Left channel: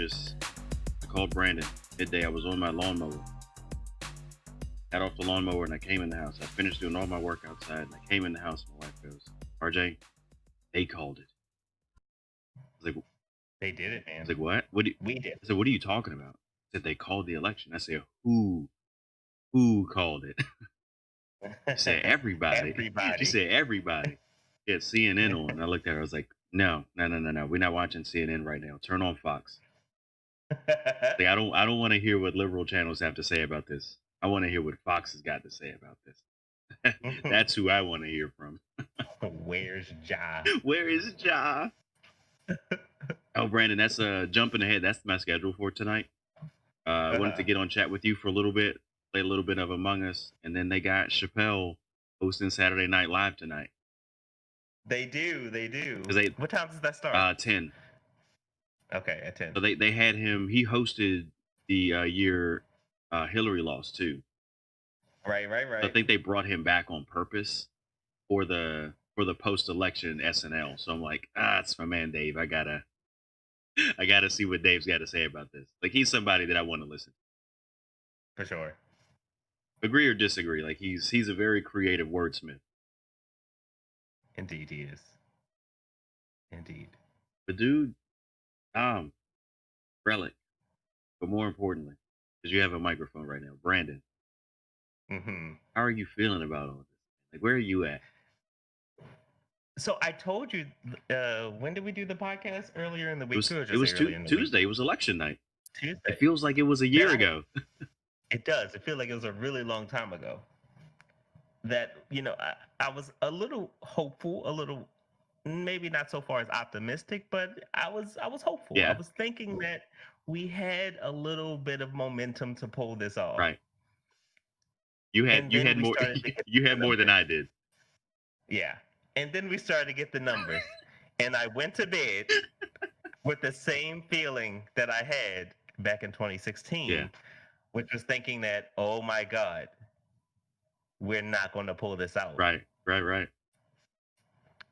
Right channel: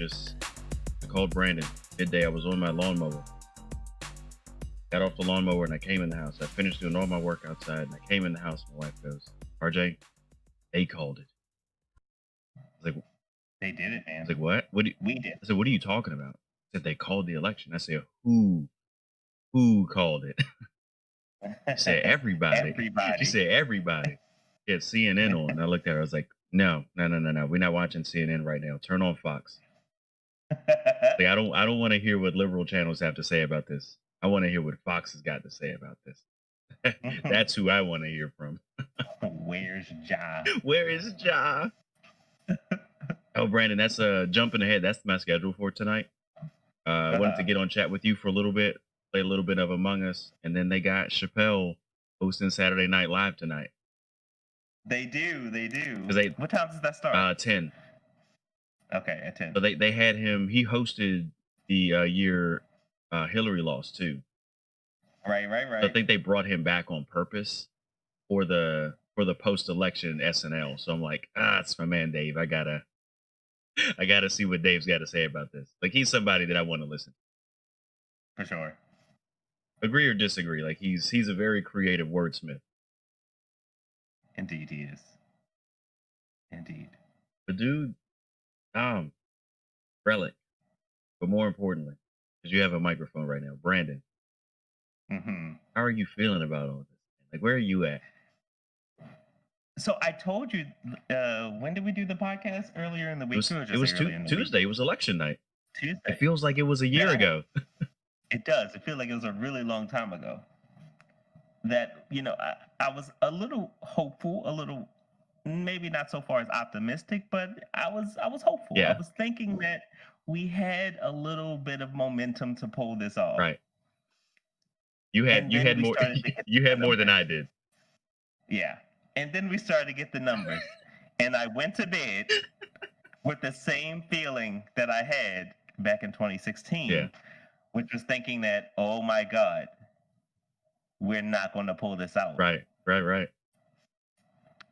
I called Brandon midday. I was on my lawnmower. Got off the lawnmower and I came in the house. I finished doing all my work outside and I came in the house. My wife goes, RJ, they called it. I was like, They did it, man. what? What do you, We did. I said, what are you talking about? I said, they called the election. I said, who called it? She said, everybody. Everybody. She said, everybody. She had CNN on. And I looked at her. I was like, no. We're not watching CNN right now. Turn on Fox. Like, I don't want to hear what liberal channels have to say about this. I want to hear what Fox has got to say about this. That's who I want to hear from. Where's Ja? Where is Ja? Oh, Brandon, that's jumping ahead. That's my schedule for tonight. I wanted to get on chat with you for a little bit, play a little bit of Among Us, and then they got Chappelle hosting Saturday Night Live tonight. They do. They, what time does that start? 10. Okay, at 10. So they had him. He hosted the year Hillary lost too. Right. So I think they brought him back on purpose for the post-election SNL. So I'm like, it's my man Dave. I gotta see what Dave's got to say about this. Like, he's somebody that I want to listen to. For sure. Agree or disagree? Like, he's a very creative wordsmith. Indeed, he is. Indeed. The dude, Relic. But more importantly, because you have a microphone right now, Brandon. Mm-hmm. How are you feeling about all this? Like, where are you at? So I told you, when did we do the podcast? Earlier in the week? It was Tuesday. It was election night. Tuesday. It feels like it was a year ago. It does. It feels like it was a really long time ago. That, I was a little hopeful, a little maybe not so far as optimistic, but I was hopeful. Yeah. I was thinking that we had a little bit of momentum to pull this off. Right. You had more you had more than I did. Yeah. And then we started to get the numbers. And I went to bed with the same feeling that I had back in 2016, which was thinking that, oh my God, we're not going to pull this out. Right.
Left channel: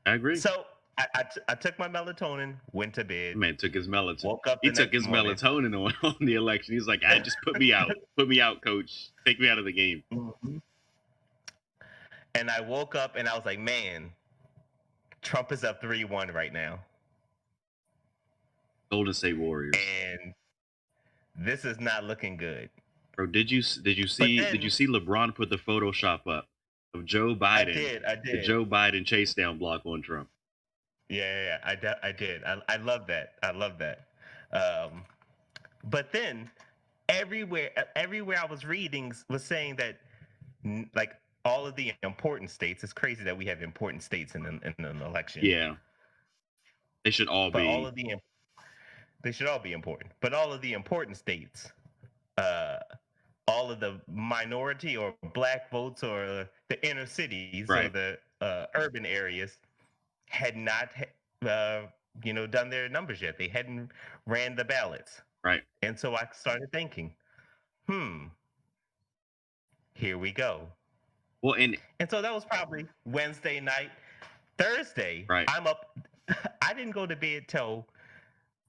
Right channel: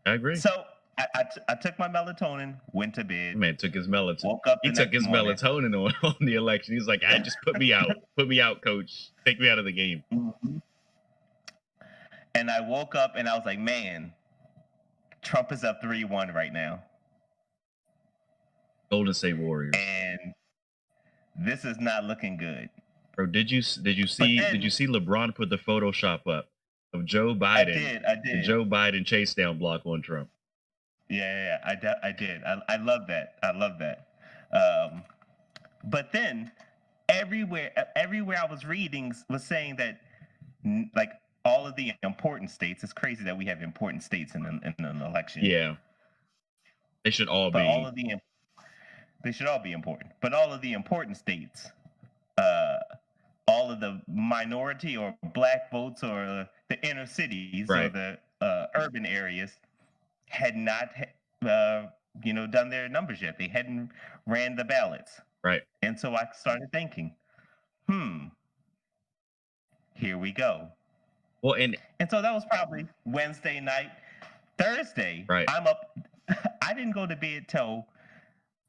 I agree. So I took my melatonin, went to bed. Man took his melatonin. Woke up he took his melatonin on the election. He's like, I just put me out. Put me out, coach. Take me out of the game. Mm-hmm. And I woke up and I was like, man, Trump is up 3-1 right now. Golden State Warriors. And this is not looking good. Bro, did you see LeBron put the Photoshop up of Joe Biden? I did. The Joe Biden chase down block on Trump. Yeah, I did. I love that. But then everywhere I was reading was saying that, like, all of the important states, it's crazy that we have important states in an election. Yeah. They should all be. They should all be important. But all of the important states, all of the minority or black votes or the inner cities or the urban areas had not, done their numbers yet. They hadn't ran the ballots. Right. And so I started thinking, here we go. Well, and so that was probably Wednesday night. Thursday, I'm up. I didn't go to bed till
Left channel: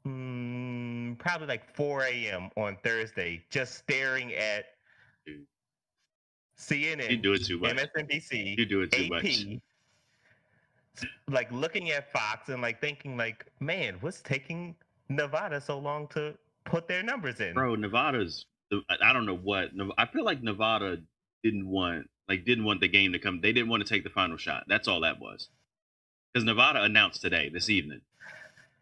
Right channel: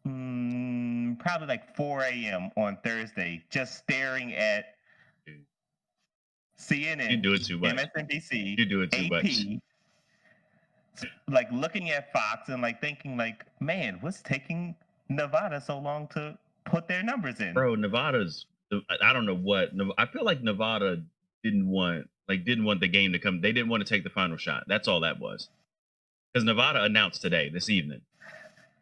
probably like 4 a.m. on Thursday, just staring at CNN. You do it too much. MSNBC. You do it too AP, much. Like looking at Fox and like thinking, like, man, what's taking Nevada so long to put their numbers in? Bro, Nevada's. I don't know what. I feel like Nevada didn't want the game to come. They didn't want to take the final shot. That's all that was. Because Nevada announced this evening.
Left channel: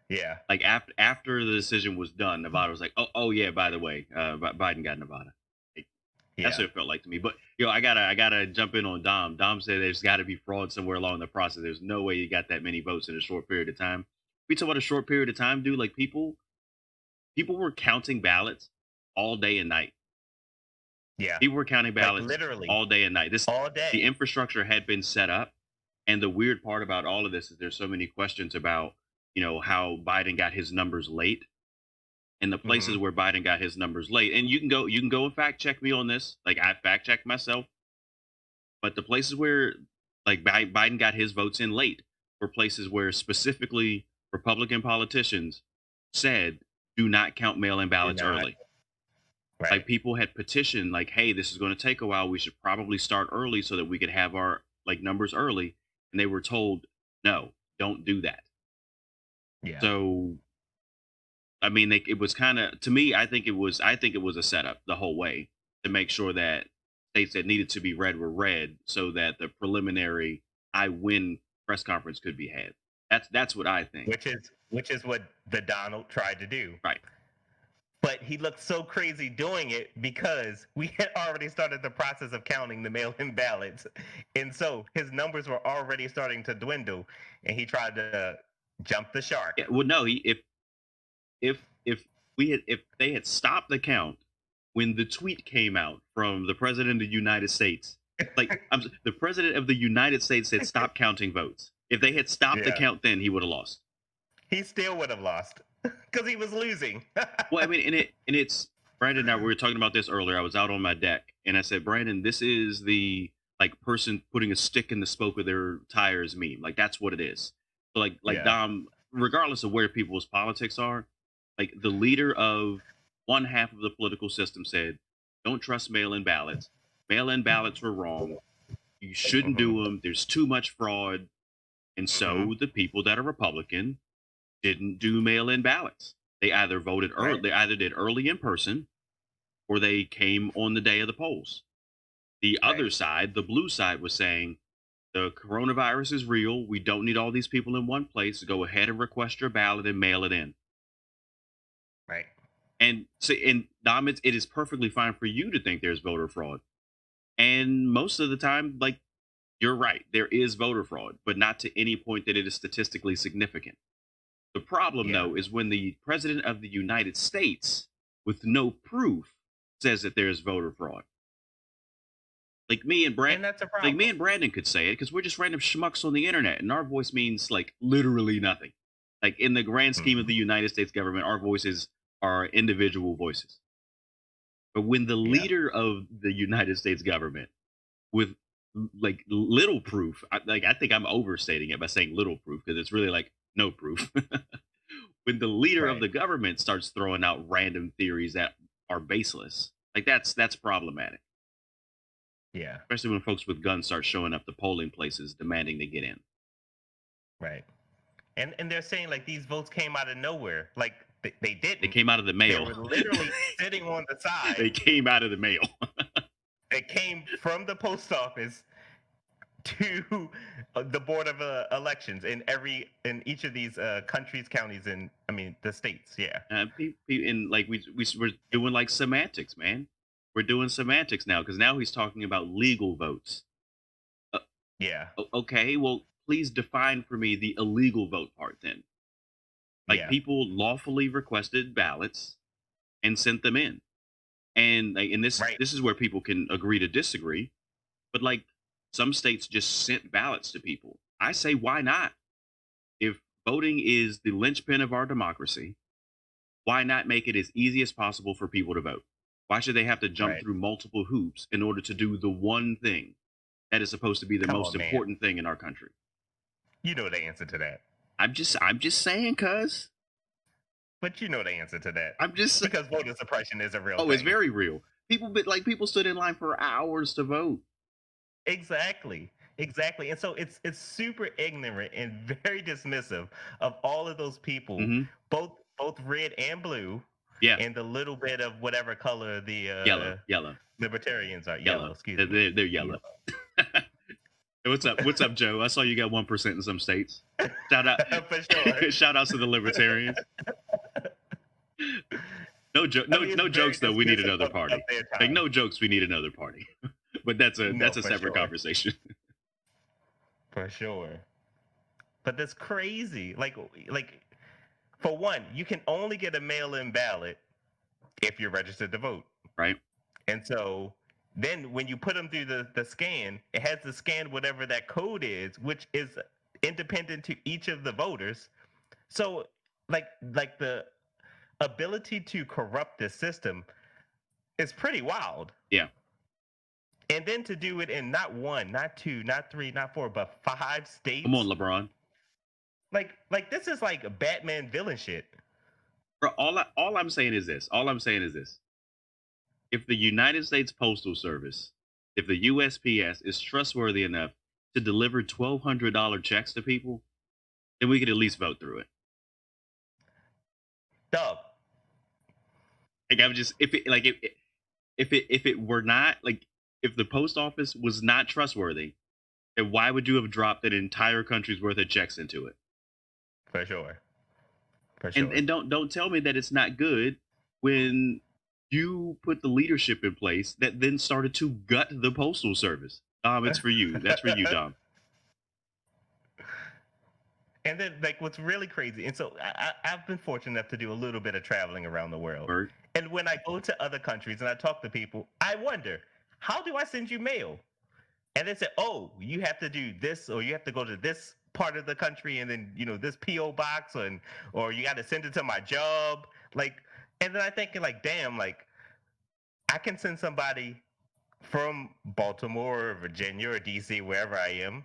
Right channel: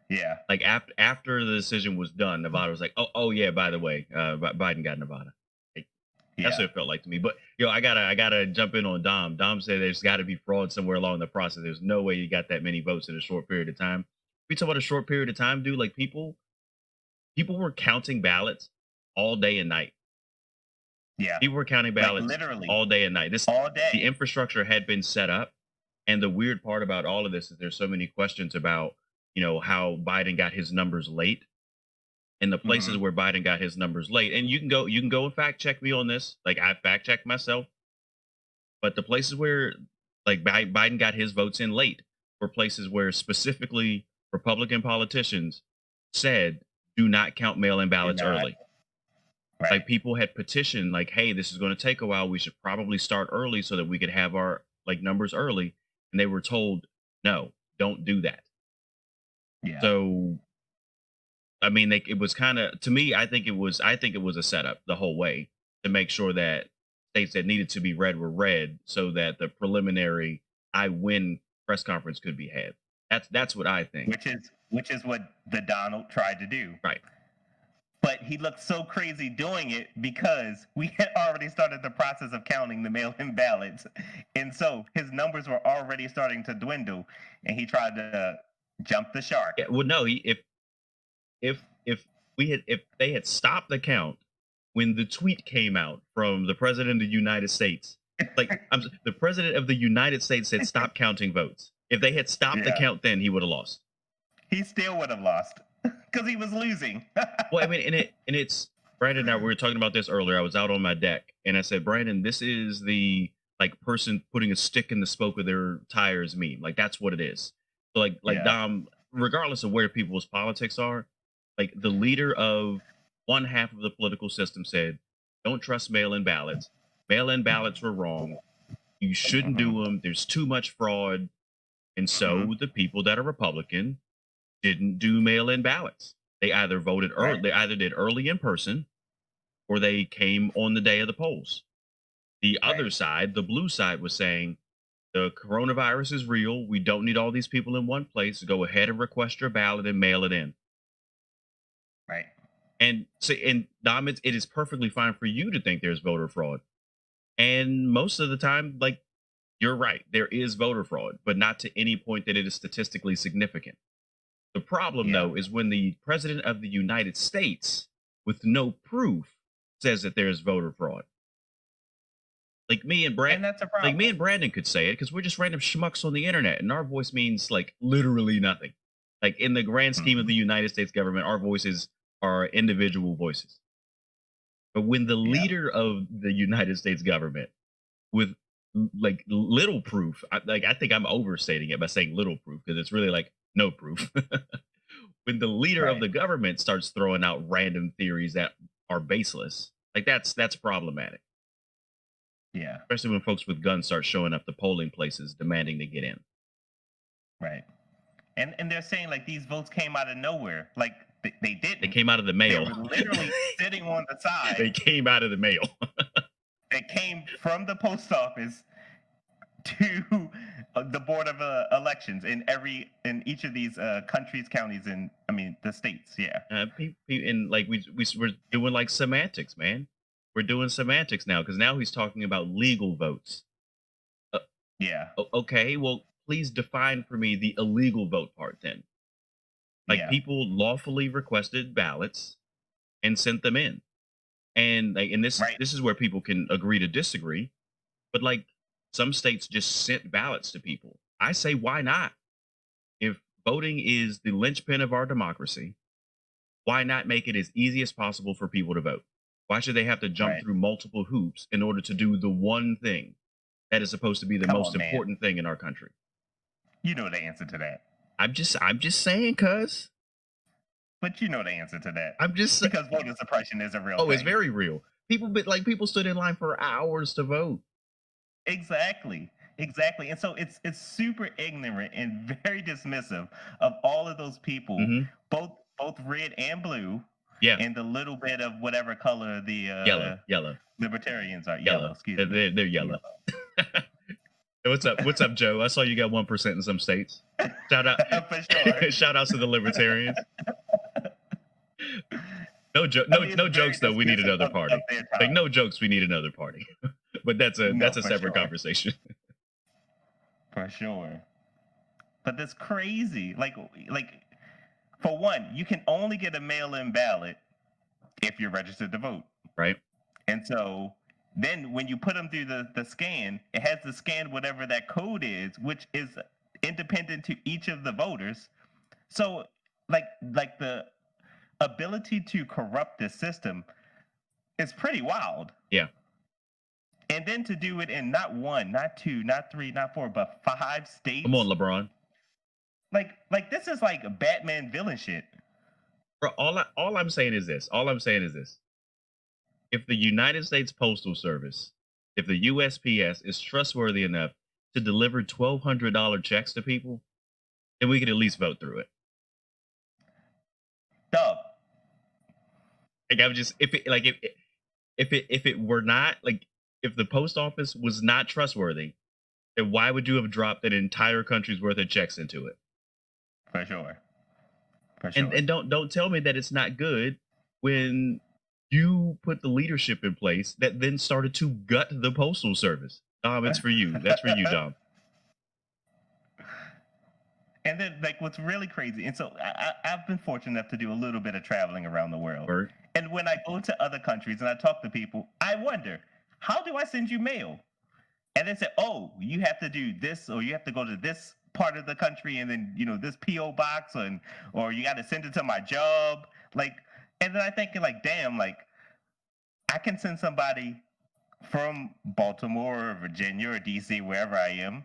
Yeah. Like after the decision was done, Nevada was like, oh yeah, by the way, Biden got Nevada. That's what it felt like to me. But I gotta jump in on Dom. Dom said there's got to be fraud somewhere along the process. There's no way you got that many votes in a short period of time. We talk about a short period of time, dude. Like people were counting ballots all day and night. Yeah, people were counting ballots literally all day and night. All day. The infrastructure had been set up, and the weird part about all of this is there's so many questions about how Biden got his numbers late. And the places where Biden got his numbers late, and you can go and fact check me on this. Like, I fact checked myself, but the places where like Biden got his votes in late were places where specifically Republican politicians said do not count mail-in You're ballots not. early. Right. Like people had petitioned, like, "Hey, this is going to take a while. We should probably start early so that we could have our like numbers early." And they were told, "No, don't do that." Yeah. So, I mean, it was kind of to me. I think it was a setup the whole way to make sure that states that needed to be read were read, so that the preliminary "I win" press conference could be had. That's what I think. Which is what the Donald tried to do. Right. But he looked so crazy doing it because we had already started the process of counting the mail-in ballots. And so his numbers were already starting to dwindle and he tried to jump the Yeah. shark. Well, no. If if they had stopped the count when the tweet came out from the president of the United States, like the president of the United States said, "Stop counting votes." If they had stopped the Yeah. count, then he would have lost. He still would have lost because he was losing. Well, I mean, it's Brandon and I we were talking about this earlier. I was out on my deck and I said, "Brandon, this is the like person putting a stick in the spoke of their tires meme. Like that's what it is." So like Yeah. Dom, regardless of where people's politics are, like the leader of one half of the political system said, "Don't trust mail-in ballots. Mail-in ballots were wrong. You shouldn't Hmm. do them. There's too much fraud." And Hmm. so the people that are Republican didn't do mail-in ballots. They either voted early, Right. they either did early in person or they came on the day of the polls. The Right. other side, the blue side, was saying the coronavirus is real. We don't need all these people in one place. Go ahead and request your ballot and mail it in. Right. And so, and Dom, it is perfectly fine for you to think there's voter fraud. And most of the time, like you're right, there is voter fraud, but not to any point that it is statistically significant. The problem, Yeah. though, is when the president of the United States, with no proof, says that there's voter fraud. Like me and Brand, And that's a like me problem. and Brandon could say it because we're just random schmucks on the internet, and our voice means like literally nothing. Like in the grand scheme of Hmm. the United States government, our voices are individual voices. But when the Yeah. leader of the United States government, with like little proof, I think I'm overstating it by saying little proof because it's really like no proof. When the leader of Right. the government starts throwing out random theories that are baseless, like that's problematic, Yeah. especially when folks with guns start showing up to polling places demanding to get in. Right. And they're saying like these votes came out of nowhere. Like they They didn't. came out of the They mail. were literally sitting on the They side. came out of the mail. They came from the post office to the board of elections in each of these countries, counties, and I mean the states. Yeah. And like we're doing like semantics, man. We're doing semantics now because now he's talking about legal votes. Uh, Yeah. okay, well, please define for me the illegal vote part then. Like Yeah. people lawfully requested ballots and sent them in. And like and Right. this is where people can agree to disagree, but like some states just sent ballots to people. I say why not? If voting is the linchpin of our democracy, why not make it as easy as possible for people to vote? Why should they have to jump Right. through multiple hoops in order to do the one thing that is supposed to be the Come most on, man. important thing in our country? You know the answer to that. I'm just saying, cuz. But you know the answer to that I'm just because voter suppression is a real oh, it's thing. very real. People stood in line for hours to vote. Exactly. Exactly. And so it's super ignorant and very dismissive of all of those people, Mhm. both red and blue, Yeah, and the little bit of whatever color the yellow, yellow, libertarians are. Yellow, yellow. excuse They're me. they're yellow. Yellow. What's up? What's up, Joe? I saw you got 1% in some states. Shout out, For sure. shout outs to the libertarians. I mean, it's No very jokes though. We need dismissive another of party. their Like time. no jokes. We need another party. But No, that's a for separate sure. conversation. For sure. But that's crazy. Like for one, you can only get a mail-in ballot if you're registered to vote. Right? And so then when you put them through the scan, it has to scan whatever that code is, which is independent to each of the voters. So like the ability to corrupt the system is pretty wild. Yeah. And then to do it in not one, not two, not three, not four, but five Come on, states. LeBron. Like this is like Batman villain shit. Bro, all I'm saying is this. All I'm saying is this. If the United States Postal Service, if the USPS is trustworthy enough to deliver $1,200 checks to people, then we could at least vote through it. Dog. Like I'm just if it were not like if the post office was not trustworthy, then why would you have dropped an entire country's worth of checks into it? For sure. For And sure. don't tell me that it's not good when you put the leadership in place that then started to gut the postal service. Dom, it's for you. That's for you, Dom. And then, like, what's really crazy, and so I've been fortunate enough to do a little bit of traveling around the world. Bert. And when I go to other countries and I talk to people, I wonder, how do I send you mail? And they say, oh, you have to do this, or you have to go to this part of the country, and then this PO box, or you got to send it to my job. Like, and then I thinking, like, damn, like I can send somebody from Baltimore or Virginia or DC, wherever I am.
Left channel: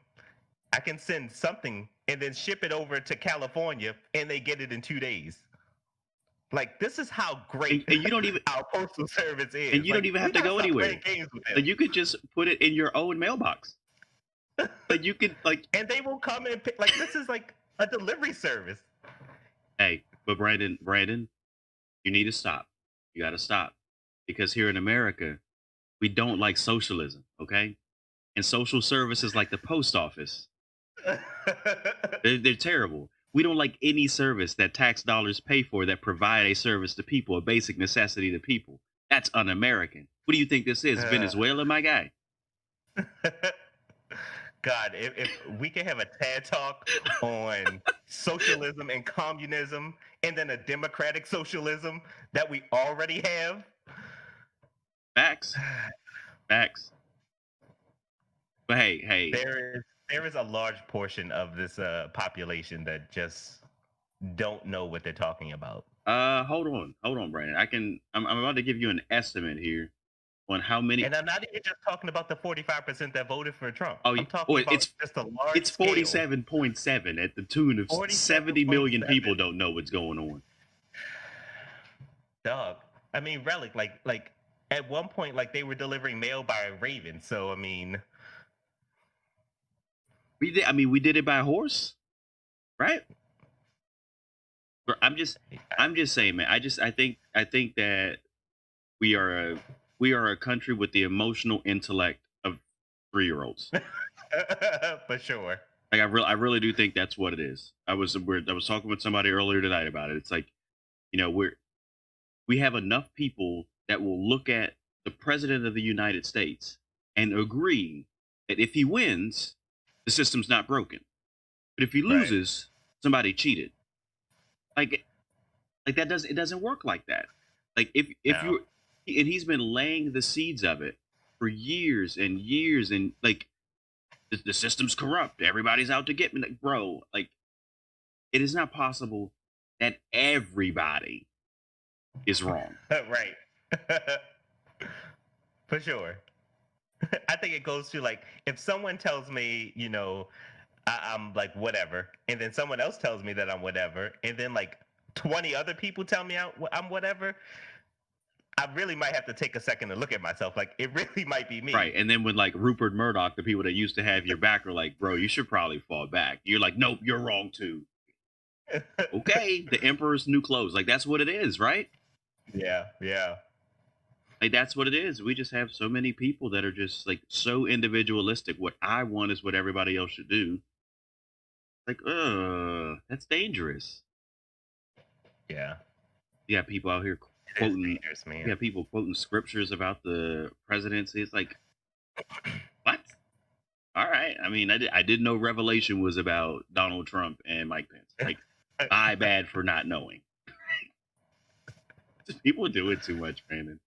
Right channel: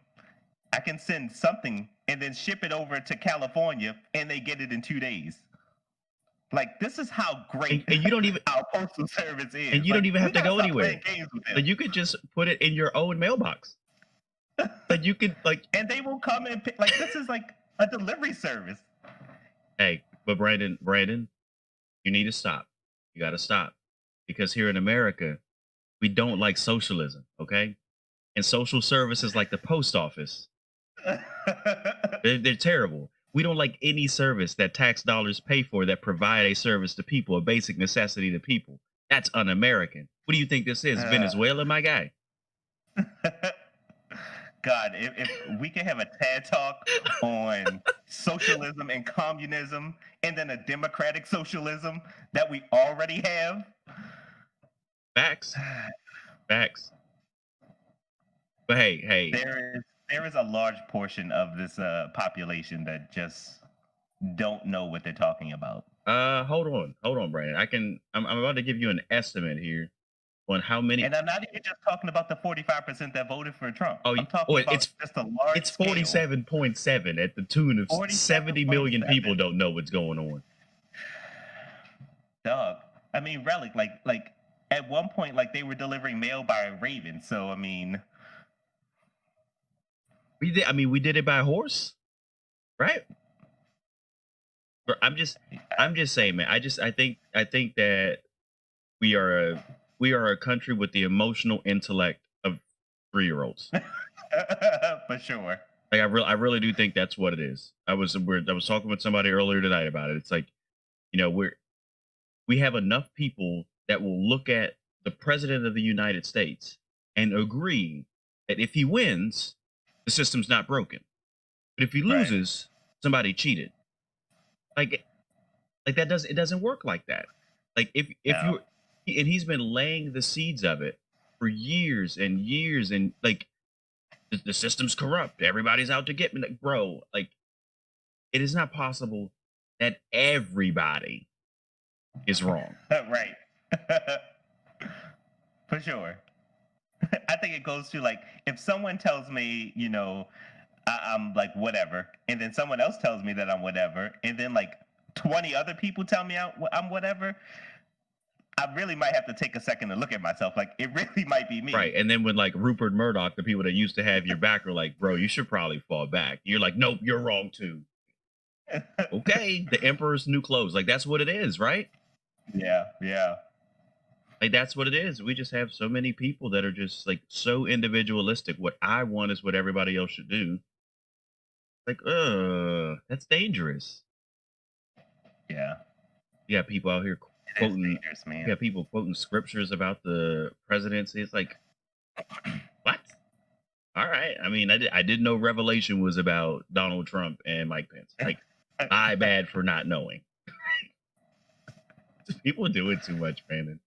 I can send something and then ship it over to California, and they get it in 2 days. Like, this is how great And you don't even our postal service and is. you don't Like, even we have to gotta go stop anywhere. playing games with Like them. you could just put it in your own mailbox. Like you could like And they will come and pick. Like, this is like a delivery service. hey, but Brandon, you need to stop. You got to stop because here in America, we don't like socialism, okay? And social services like the post office, they're terrible. We don't like any service that tax dollars pay for that provide a service to people, a basic necessity to people. That's un-American. What do you think this is? Uh, Venezuela, my guy? God, if we can have a TED talk on socialism and communism, and then a democratic socialism that we already have. Facts. Facts. But hey, There is a large portion of this population that just don't know what they're talking about. hold on, Brandon. I'm about to give you an estimate here on how many. And I'm not even just talking about the 45% that voted for Trump. Oh, I'm talking about it's just a large it's scale. 47.7 at the tune of 70 million 47.7. people don't know what's going on. Dog. I mean, Relic, like at one point, like they were delivering mail by Raven. So I mean, We did it by horse, right? Bro, I'm just saying, man. I think that we are a we are a country with the emotional intellect of 3-year-olds. for sure. Like I really do think that's what it is. I was talking with somebody earlier tonight about it. It's like, we have enough people that will look at the president of the United States and agree that if he wins, the system's not broken. But if he Right. loses, somebody cheated. Like it doesn't work like that. Like if No. you and he's been laying the seeds of it for years and years and like the system's corrupt. Everybody's out to get me. Like, bro, like it is not possible that everybody is wrong. Right. For sure. I think it goes to, like, if someone tells me, I'm like whatever, and then someone else tells me that I'm whatever, and then like 20 other people tell me I'm whatever, I really might have to take a second to look at myself. Like, it really might be me. Right. And then when like Rupert Murdoch, the people that used to have your back are like, bro, you should probably fall back. You're like, nope, you're wrong too. Okay. The emperor's new clothes. Like that's what it is, right? Yeah, yeah. Like that's what it is. We just have so many people that are just like so individualistic. What I want is what everybody else should do. Like, that's dangerous. Yeah. You got people out here It is quoting. dangerous, You man. got people quoting scriptures about the presidency. It's like, what? All right. I mean, I didn't know Revelation was about Donald Trump and Mike Pence. Like, I bad for not knowing. People do it too much, Brandon.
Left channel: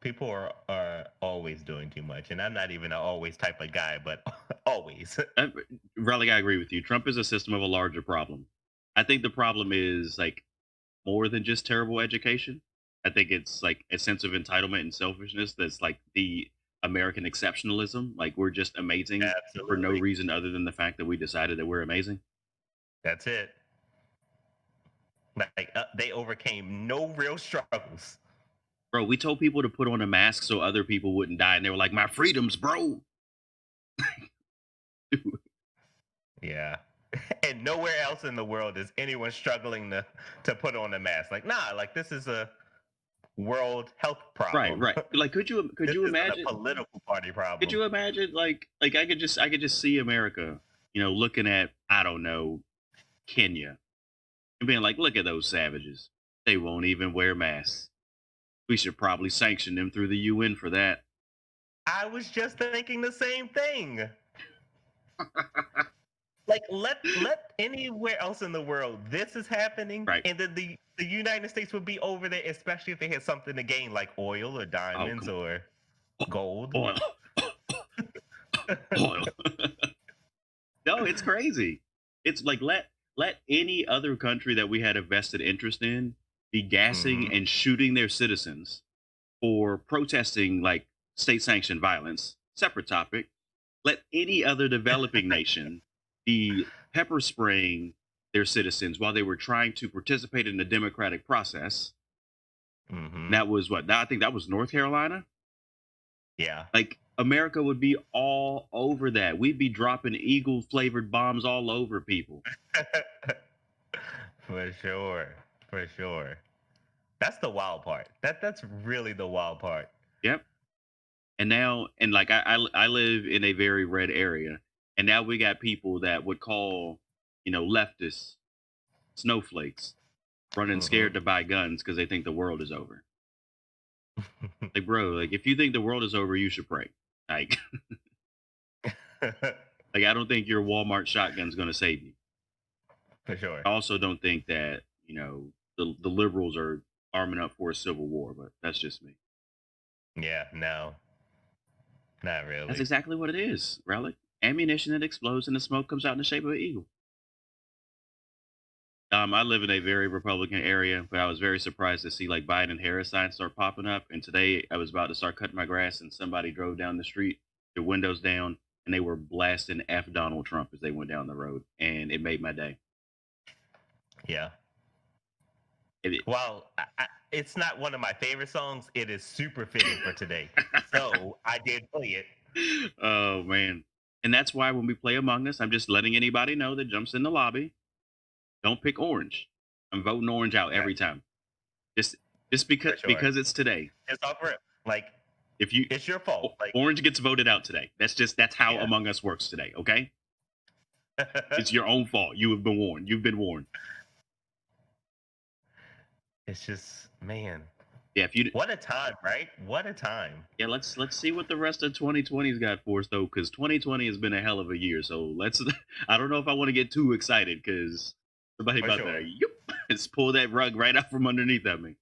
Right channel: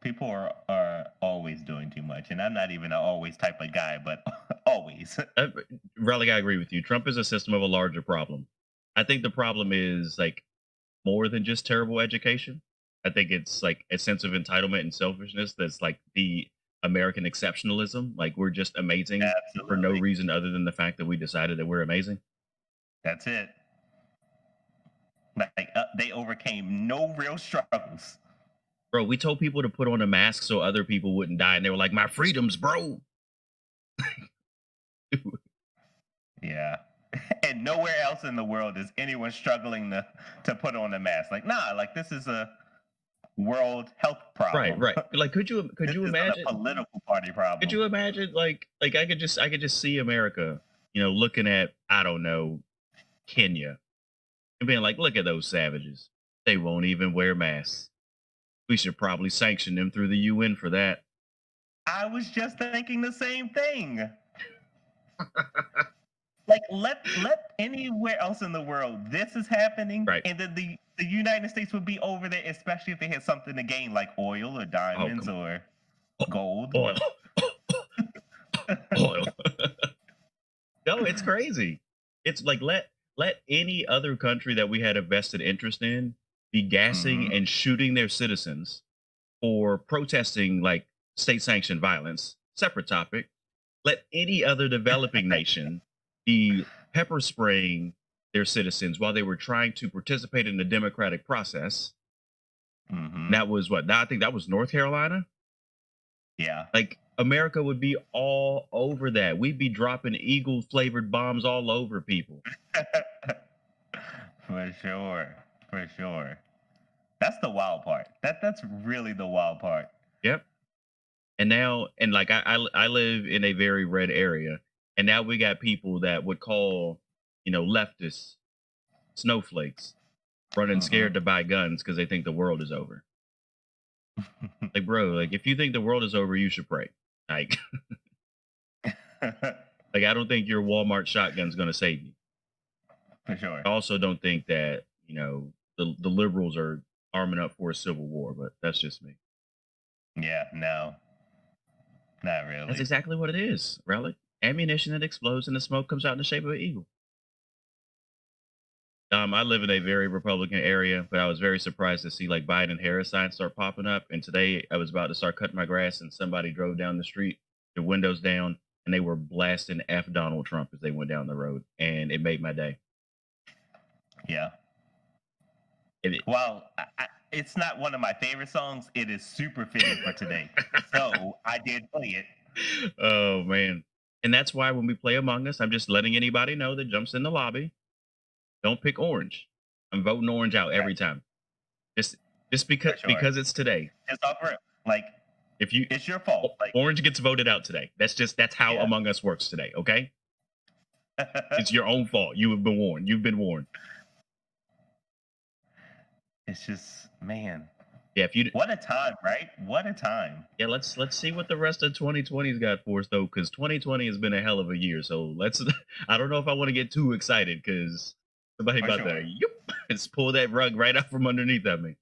People are always doing too much, and I'm not even an always type of guy, but always. Relic, I agree with you. Trump is a system of a larger problem. I think the problem is like more than just terrible education. I think it's like a sense of entitlement and selfishness that's like the American exceptionalism. Like we're just amazing for no Absolutely. reason other than the fact that we decided that we're amazing. That's it. Like they overcame no real struggles. Bro, we told people to put on a mask so other people wouldn't die, and they were like, "My freedoms, bro." Yeah. And nowhere else in the world is anyone struggling to put on a mask. Like, nah, like this is a world health Right, problem. right. Like, could This you isn't a imagine? political party Could problem. you imagine? Like I could just see America, looking at, I don't know, Kenya, and being like, "Look at those savages. They won't even wear masks. We should probably sanction them through the UN for that." I was just thinking the same thing. Like let anywhere else in the world this is happening, Right. and then the United States would be over there, especially if they had something to gain like oil or Oh, diamonds come or on. gold. Oil. Oil. No, it's crazy. It's like, let any other country that we had a vested interest in be gassing Hmm. and shooting their citizens for protesting like state sanctioned violence. Separate topic. Let any other developing nation be pepper spraying their citizens while they were trying to participate in the democratic process. And Hmm. that was what? I think that was North Carolina. Yeah. Like, America would be all over that. We'd be dropping eagle flavored bombs all over people. For sure. For sure. That's the wild part. That's really the wild part. Yep. And now, and like I live in a very red area, and now we got people that would call, leftists snowflakes, running Hmm. scared to buy guns because they think the world is over. Like, bro, like if you think the world is over, you should pray. Like, like I don't think your Walmart shotgun's gonna save you. For sure. I also don't think that the liberals are arming up for a civil war, but that's just me. Yeah, no, not That's really. exactly what it is, Relic. Ammunition that explodes and the smoke comes out in the shape of an eagle. I live in a very Republican area, but I was very surprised to see like Biden and Harris signs start popping up. And today I was about to start cutting my grass, and somebody drove down the street, their windows down, and they were blasting F Donald Trump as they went down the road, and it made my day. Yeah. It, Well, it's not one of my favorite songs. It is super fitting for today. So I did play it. oh man, and that's why when we play Among Us, I'm just letting anybody know that jumps in the lobby. Don't pick orange. I'm voting orange out Yeah, every time. Just for sure. because it's today. It's all for like If you it's your fault. Like, orange gets voted out today. That's how yeah. Among Us works today. Okay, it's your own fault. You have been warned. You've been warned. It's just man, Yeah. If you what a time, right? What a time. yeah, let's see what the rest of 2020's got for us though, because 2020 has been a hell of a year. So let's. I don't know if I want to get too excited because somebody For about to sure. just pull that rug right out from underneath of me.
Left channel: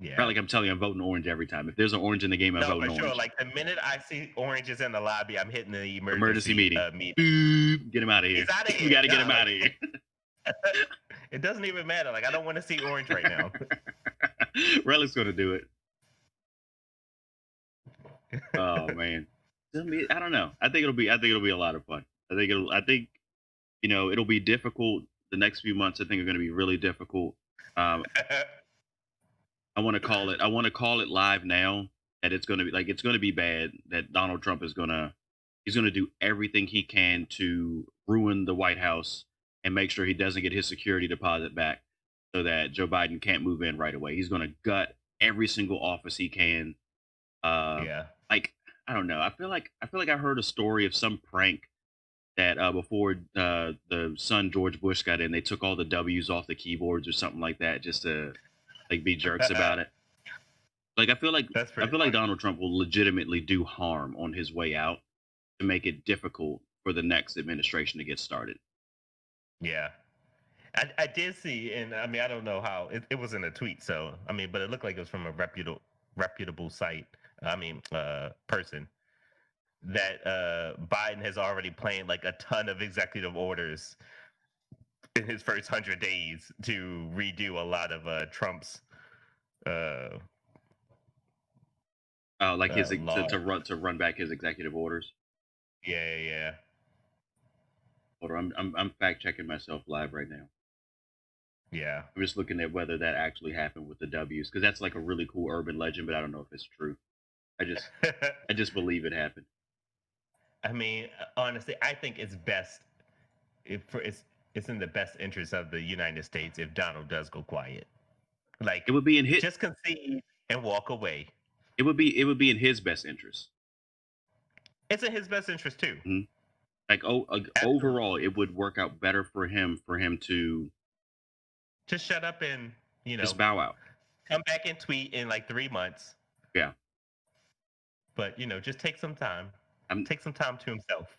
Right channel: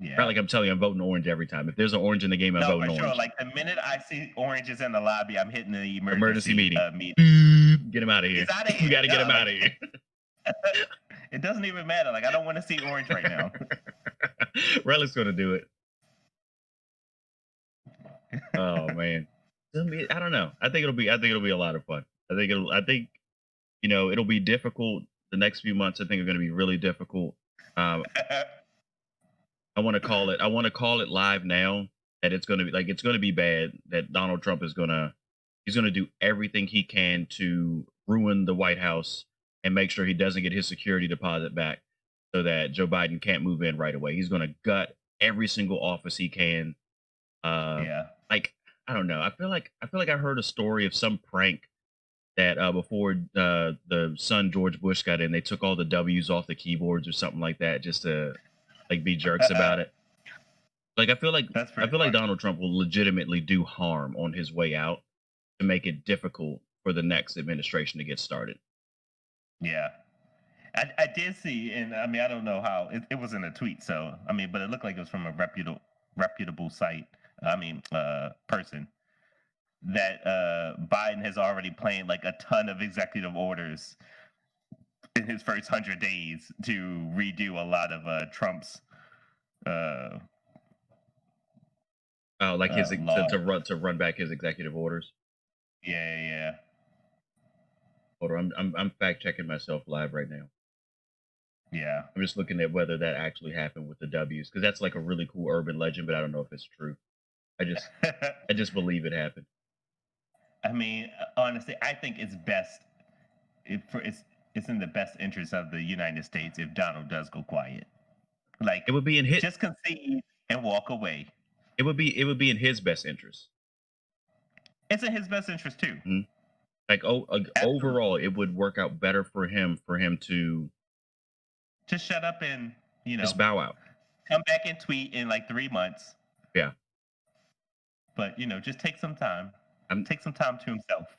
Right, Yeah. like I'm telling you, I'm voting orange every time. If there's an orange in the game, I'm No, for voting sure. orange. Like the minute I see oranges in the lobby, I'm hitting the Emergency emergency meeting. meeting. Boop. Get him out of He's here. out of We here. got to get No, him out like of here. it doesn't even matter. Like I don't want to see orange right now. Relic's gonna do it. Oh man, I don't know. I think it'll be a lot of fun. I think it'll be difficult. The next few months, I think, are going to be really difficult. Um, I want to call it. I want to call it live now that it's going to be like it's going to be bad. That Donald Trump is he's gonna do everything he can to ruin the White House and make sure he doesn't get his security deposit back, so that Joe Biden can't move in right away. He's going to gut every single office he can. Uh, Yeah. like I don't know. I feel like I heard a story of some prank that before the son George Bush got in, they took all the W's off the keyboards or something like that just to like be jerks about it. Like That's I pretty feel like funny. Donald Trump will legitimately do harm on his way out to make it difficult for the next administration to get started. Yeah. I did see, and I mean, I don't know how it was in a tweet, so I mean, but it looked like it was from a reputable site. I mean, person that Biden has already planned like a ton of executive orders in his first 100 days to redo a lot of Trump's uh, Like his laws. to run back his executive orders. Yeah, yeah, Hold on, I'm fact checking myself live right now. Yeah. I'm just looking at whether that actually happened with the W's because that's like a really cool urban legend, but I don't know if it's true. I just I just believe it happened. I mean, honestly, I think it's best if for it's in the best interest of the United States if Donald does go quiet. It Like, would be in hit. just concede and walk away. It would be in his best interest. It's in his best interest too. Mhm. Absolutely. Overall, it would work out better for him to Just shut up and, you just know, bow out. come back and tweet in like 3 months. Yeah, But, just take some time. I'm Take some time to himself.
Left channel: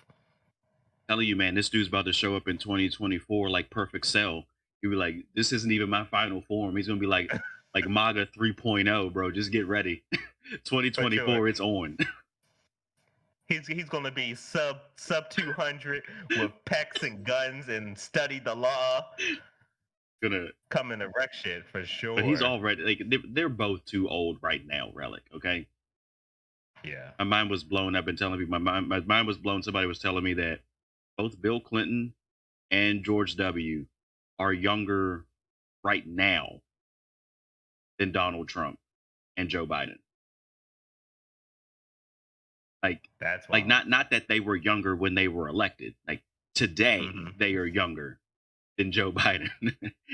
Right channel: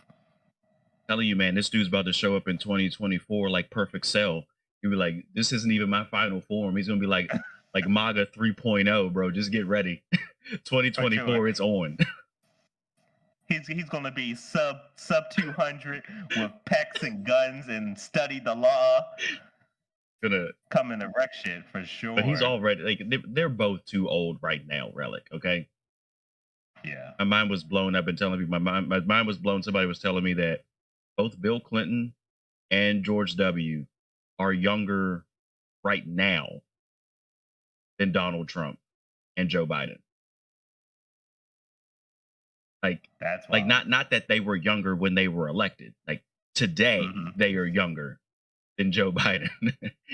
telling you, man, this dude's about to show up in 2024 like perfect cell. He'll be like, "This isn't even my final form." He's gonna be like MAGA 3.0, bro. Just get ready. For sure. 2024, it's on. He's gonna be sub 200 with pecs and guns and study the law. Gonna, Coming to wreck shit for but he's sure. already like they're both too old right now. Relic, okay. Yeah. My mind was blown. I've been telling people my mind was blown. Somebody was telling me that both Bill Clinton and George W are younger right now than Donald Trump and Joe Biden. Like That's like wild. not that they were younger when they were elected. Like today Hmm. they are younger than Joe Biden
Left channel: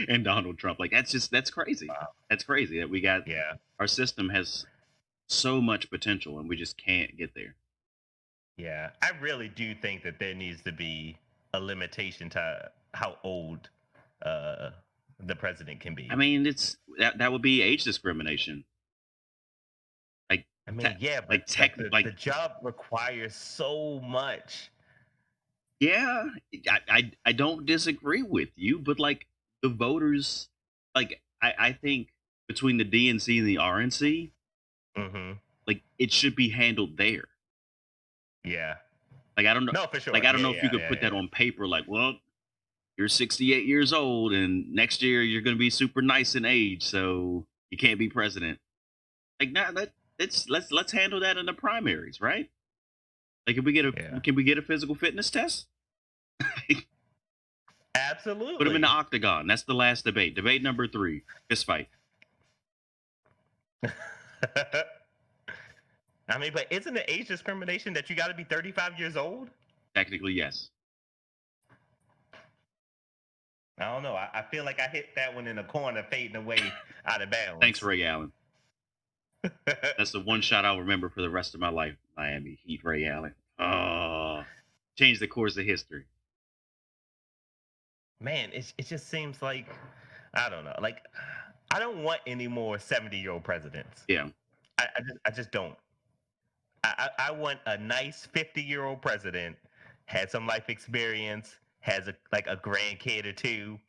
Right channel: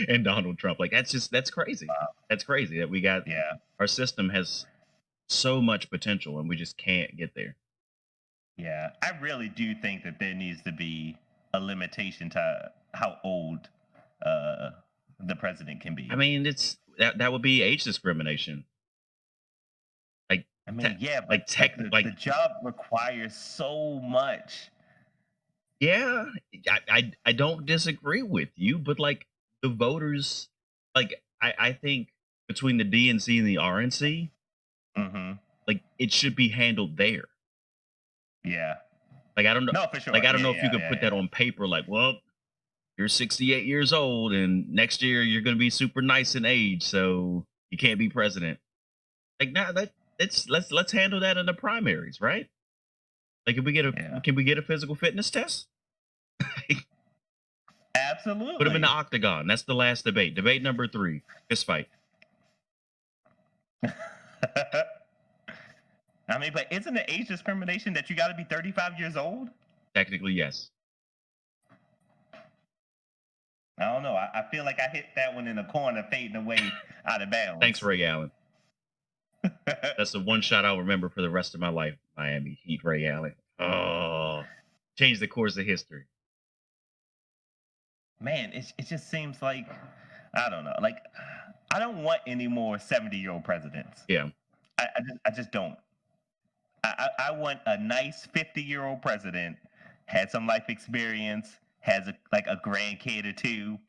and Donald Trump. Like that's crazy. Wow. That's crazy that we got Yeah. our system has so much potential and we just can't get there. Yeah. I really do think that there needs to be a limitation to how old uh the president can I be. mean, that would be age discrimination. Like I te- mean, yeah, but like like tech the like job requires so much. yeah, I don't disagree with you, but like the voters, like I think between the DNC and the RNC, Hmm. like it should be handled there. Yeah. Like I don't know, No, for sure. like I don't Yeah, know if you yeah, could yeah, put that yeah. on paper. Like, well, you're 68 years old, and next year you're going to be super nice in age, so you can't be president. Like, nah, let's handle that in the primaries, right? Like, Yeah. can we get a physical fitness test? Put him in the Absolutely. octagon. That's the last debate. Debate number 3, fist fight. I mean, but isn't it age discrimination that you got to be 35 years old? Technically, yes. I don't know. I feel like I hit that one in the corner, fading away out of Thanks, bounds. Ray Allen. That's the one shot I'll remember for the rest of my life. Miami Heat, Ray Allen. Oh, changed the course of history. Man, it just seems like I don't know. Like I don't want any more 70-year-old presidents. Yeah. I just don't. I want a nice 50-year-old president, had some life experience, has a grandkid or two,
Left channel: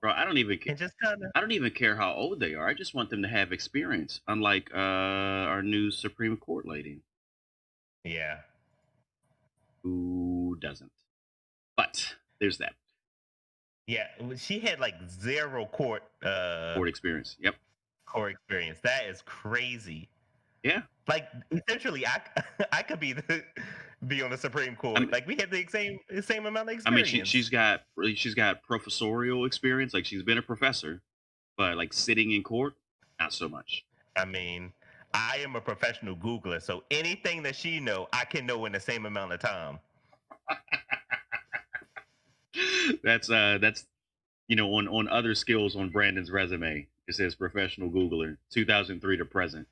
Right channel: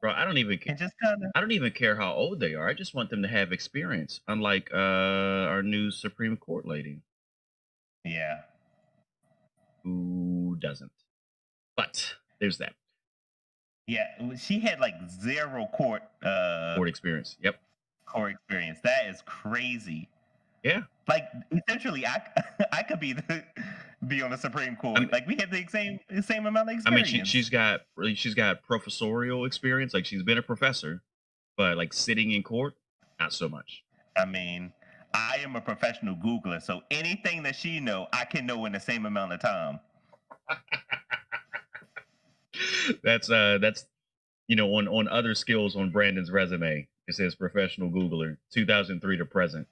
Bro, and just kind of I don't even care how old they are. I just want them to have experience, unlike our new Supreme Court lady yeah. who doesn't. But there's that Yeah, she had like zero court experience. Yep. court experience. That is crazy. Yeah. Like essentially, I I could be on the Supreme I Court. mean, Like we had the same amount of I mean, experience. she's got professorial experience. Like she's been a professor, but like sitting in court, not so much. I mean, I am a professional Googler, so anything that she know, I can know in the same amount of time. That's on other skills on Brandon's resume. It says professional Googler, 2003 to present.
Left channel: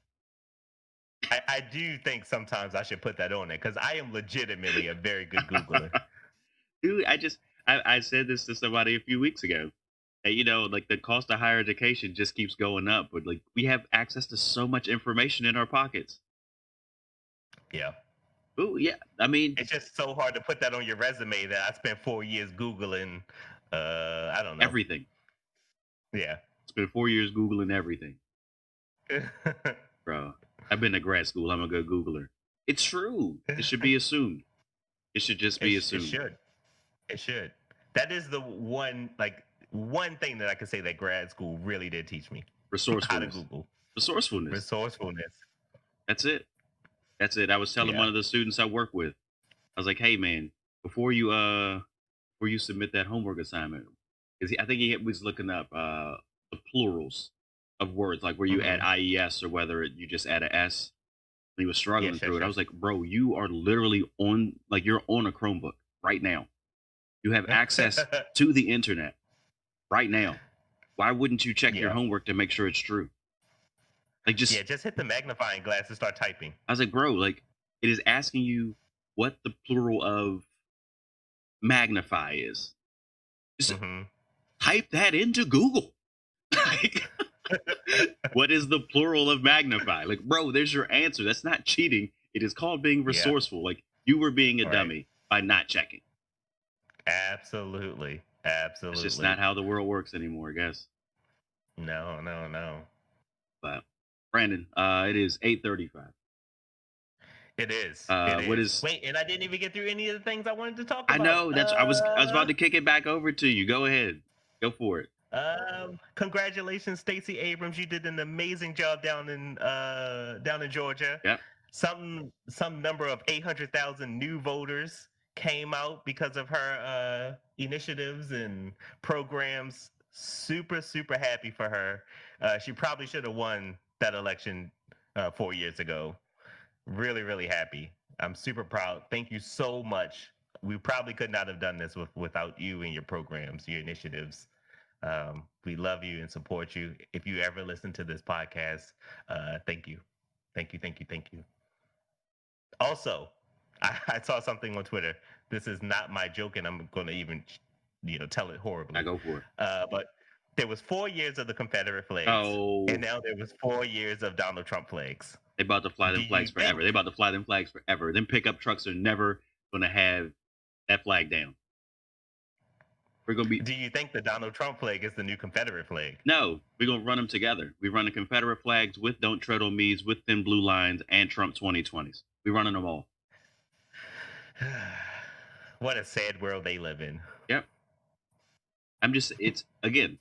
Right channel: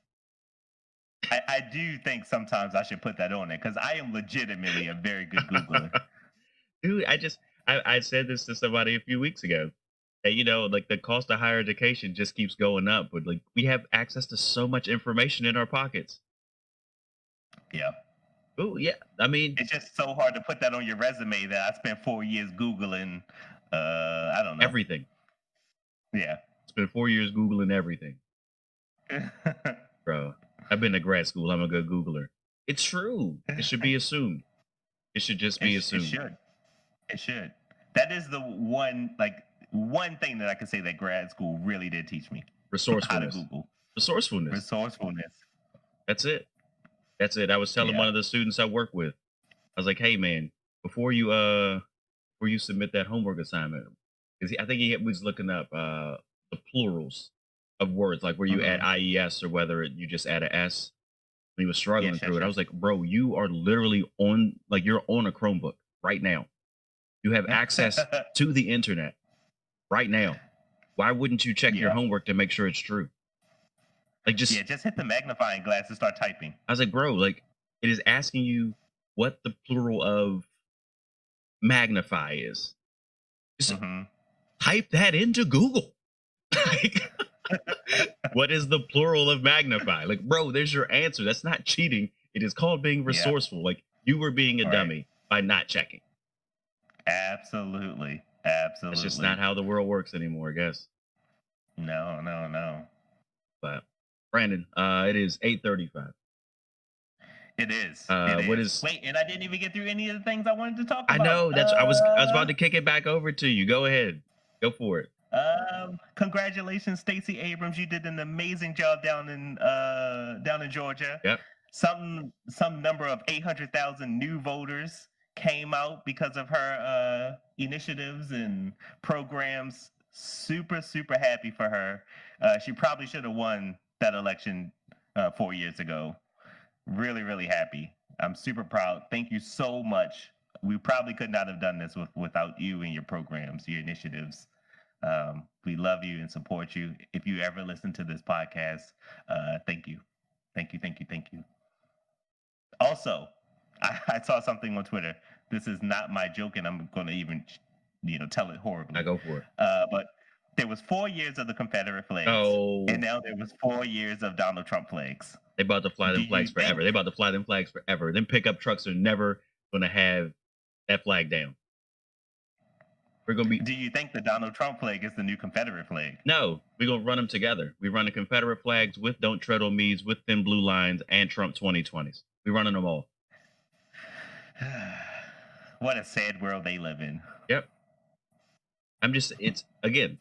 I do think sometimes I should put that on there because I am legitimately a very good Googler. Dude, I said this to somebody a few weeks ago. That, like the cost of higher education just keeps going up, but like we have access to so much information in our pockets. Yeah. Oh yeah, I mean It's just so hard to put that on your resume that I spent 4 years Googling I don't know. everything. Yeah. Spent 4 years googling everything, bro. I've been to grad school. I'm a good Googler. It's true. It should be assumed. It should just be It assumed. should. It should. That is the one thing that I could say that grad school really did teach me. How to Resourcefulness. Google. Resourcefulness. Resourcefulness. That's it. That's it. I was telling Yeah. one of the students I work with. I was like, "Hey, man, before you submit that homework assignment, 'Cause I think he was looking up the plurals of words, like where you add Mm-hmm. ies or whether you just add a s. When he was struggling Yes, through yes, it, I yes. was like, bro, you are literally on, like, you're on a Chromebook right now. You have access to the internet right now. Why wouldn't you check your Yeah. homework to make sure it's true? Like, Yeah, just, just hit the magnifying glass and start typing. I was like, bro, like, it is asking you what the plural of magnify is. Just Mm-hmm. type that into Google. Like, what is the plural of magnify? Like, bro, there's your answer. That's not cheating. It is called being Yeah. resourceful. Like, you were being a All right. dummy by not checking. Absolutely. That's just Absolutely. not how the world works anymore, I guess. No, no, no. But Brandon, it is 8:35. It is. It What is. is Wait, and I didn't even get through any of the things I wanted to talk I about. know that's I was about to kick it back over to you. Go ahead. Go for it. Congratulations, Stacey Abrams. You did an amazing job down in Georgia. Yep. Some number of 800,000 new voters came out because of her initiatives and programs. Super, super happy for her. She probably should have won that election 4 years ago. Really, really happy. I'm super proud. Thank you so much. We probably could not have done this without you and your programs, your initiatives. We love you and support you. If you ever listen to this podcast, thank you. Thank you, thank you, thank you. Also, I saw something on Twitter. This is not my joke, and I'm going to even, tell it I horribly. go for it. But there was 4 years of the Confederate flags, and Oh, now there was 4 years of Donald Trump flags. they about to fly Do them you flags forever. They think? about to fly them flags forever. Them pickup trucks are never gonna have that flag down. We're gonna be Do you think the Donald Trump flag is the new Confederate flag? no. We're gonna run them together. We run the Confederate flags with "Don't Tread on Me's," with thin blue lines, and Trump 2020s. We running them all. What a sad world they live in. Yep. I'm just. It's again.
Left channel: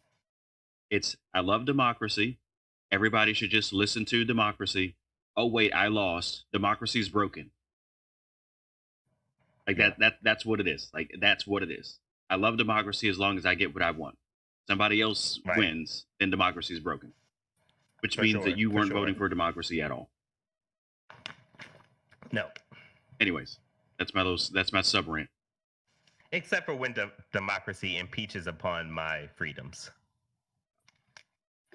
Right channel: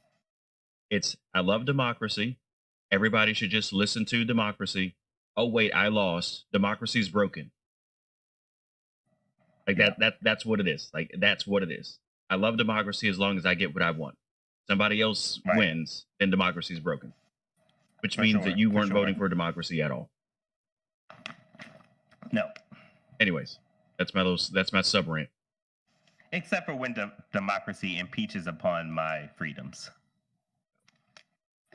It's I love democracy. Everybody should just listen to democracy. Oh wait, I lost. Democracy's broken. Like Yeah, that's what it is. Like that's what it is. I love democracy as long as I get what I want. Somebody else right. wins, then democracy is broken. Which For means that sure. you For weren't sure. voting for democracy at all. No. Anyways, that's my sub rant. Except for when democracy impeaches upon my freedoms.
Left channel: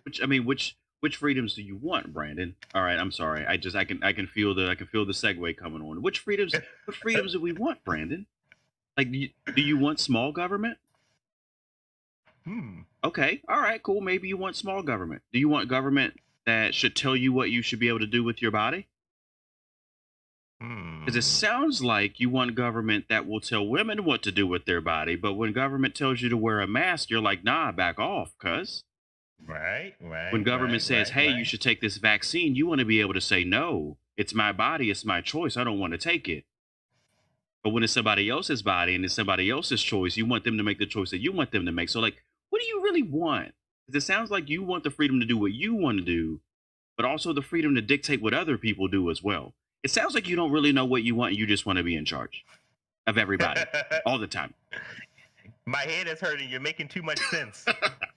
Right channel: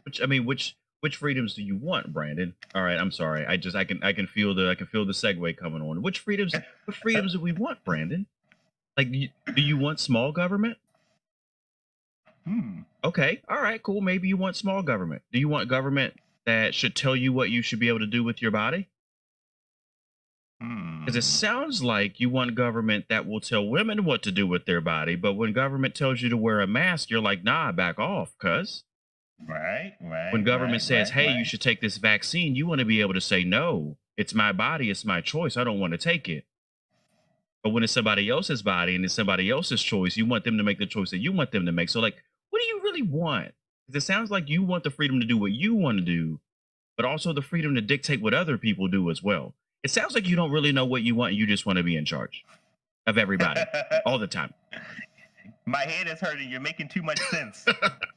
Which freedoms do you want, Brandon? All right, I'm sorry. I can feel the segue coming on. What freedoms do we want, Brandon? Like do you want small government? Hmm. Okay. All right, cool. Maybe you want small government. Do you want government that should tell you what you should be able to do with your body? Because it Hmm. sounds like you want government that will tell women what to do with their body, but when government tells you to wear a mask, you're like, nah, back off, cuz. Right. When Right. government Right. says, Right. hey, you Right. should take this vaccine, you want to be able to say, no, it's my body, it's my choice. I don't want to take it. But when it's somebody else's body and it's somebody else's choice, you want them to make the choice that you want them to make. So, like, what do you really want? 'Cause it sounds like you want the freedom to do what you want to do, but also the freedom to dictate what other people do as well. It sounds like you don't really know what you want. You just want to be in charge of everybody all the time. My head is hurting. You're making too much sense.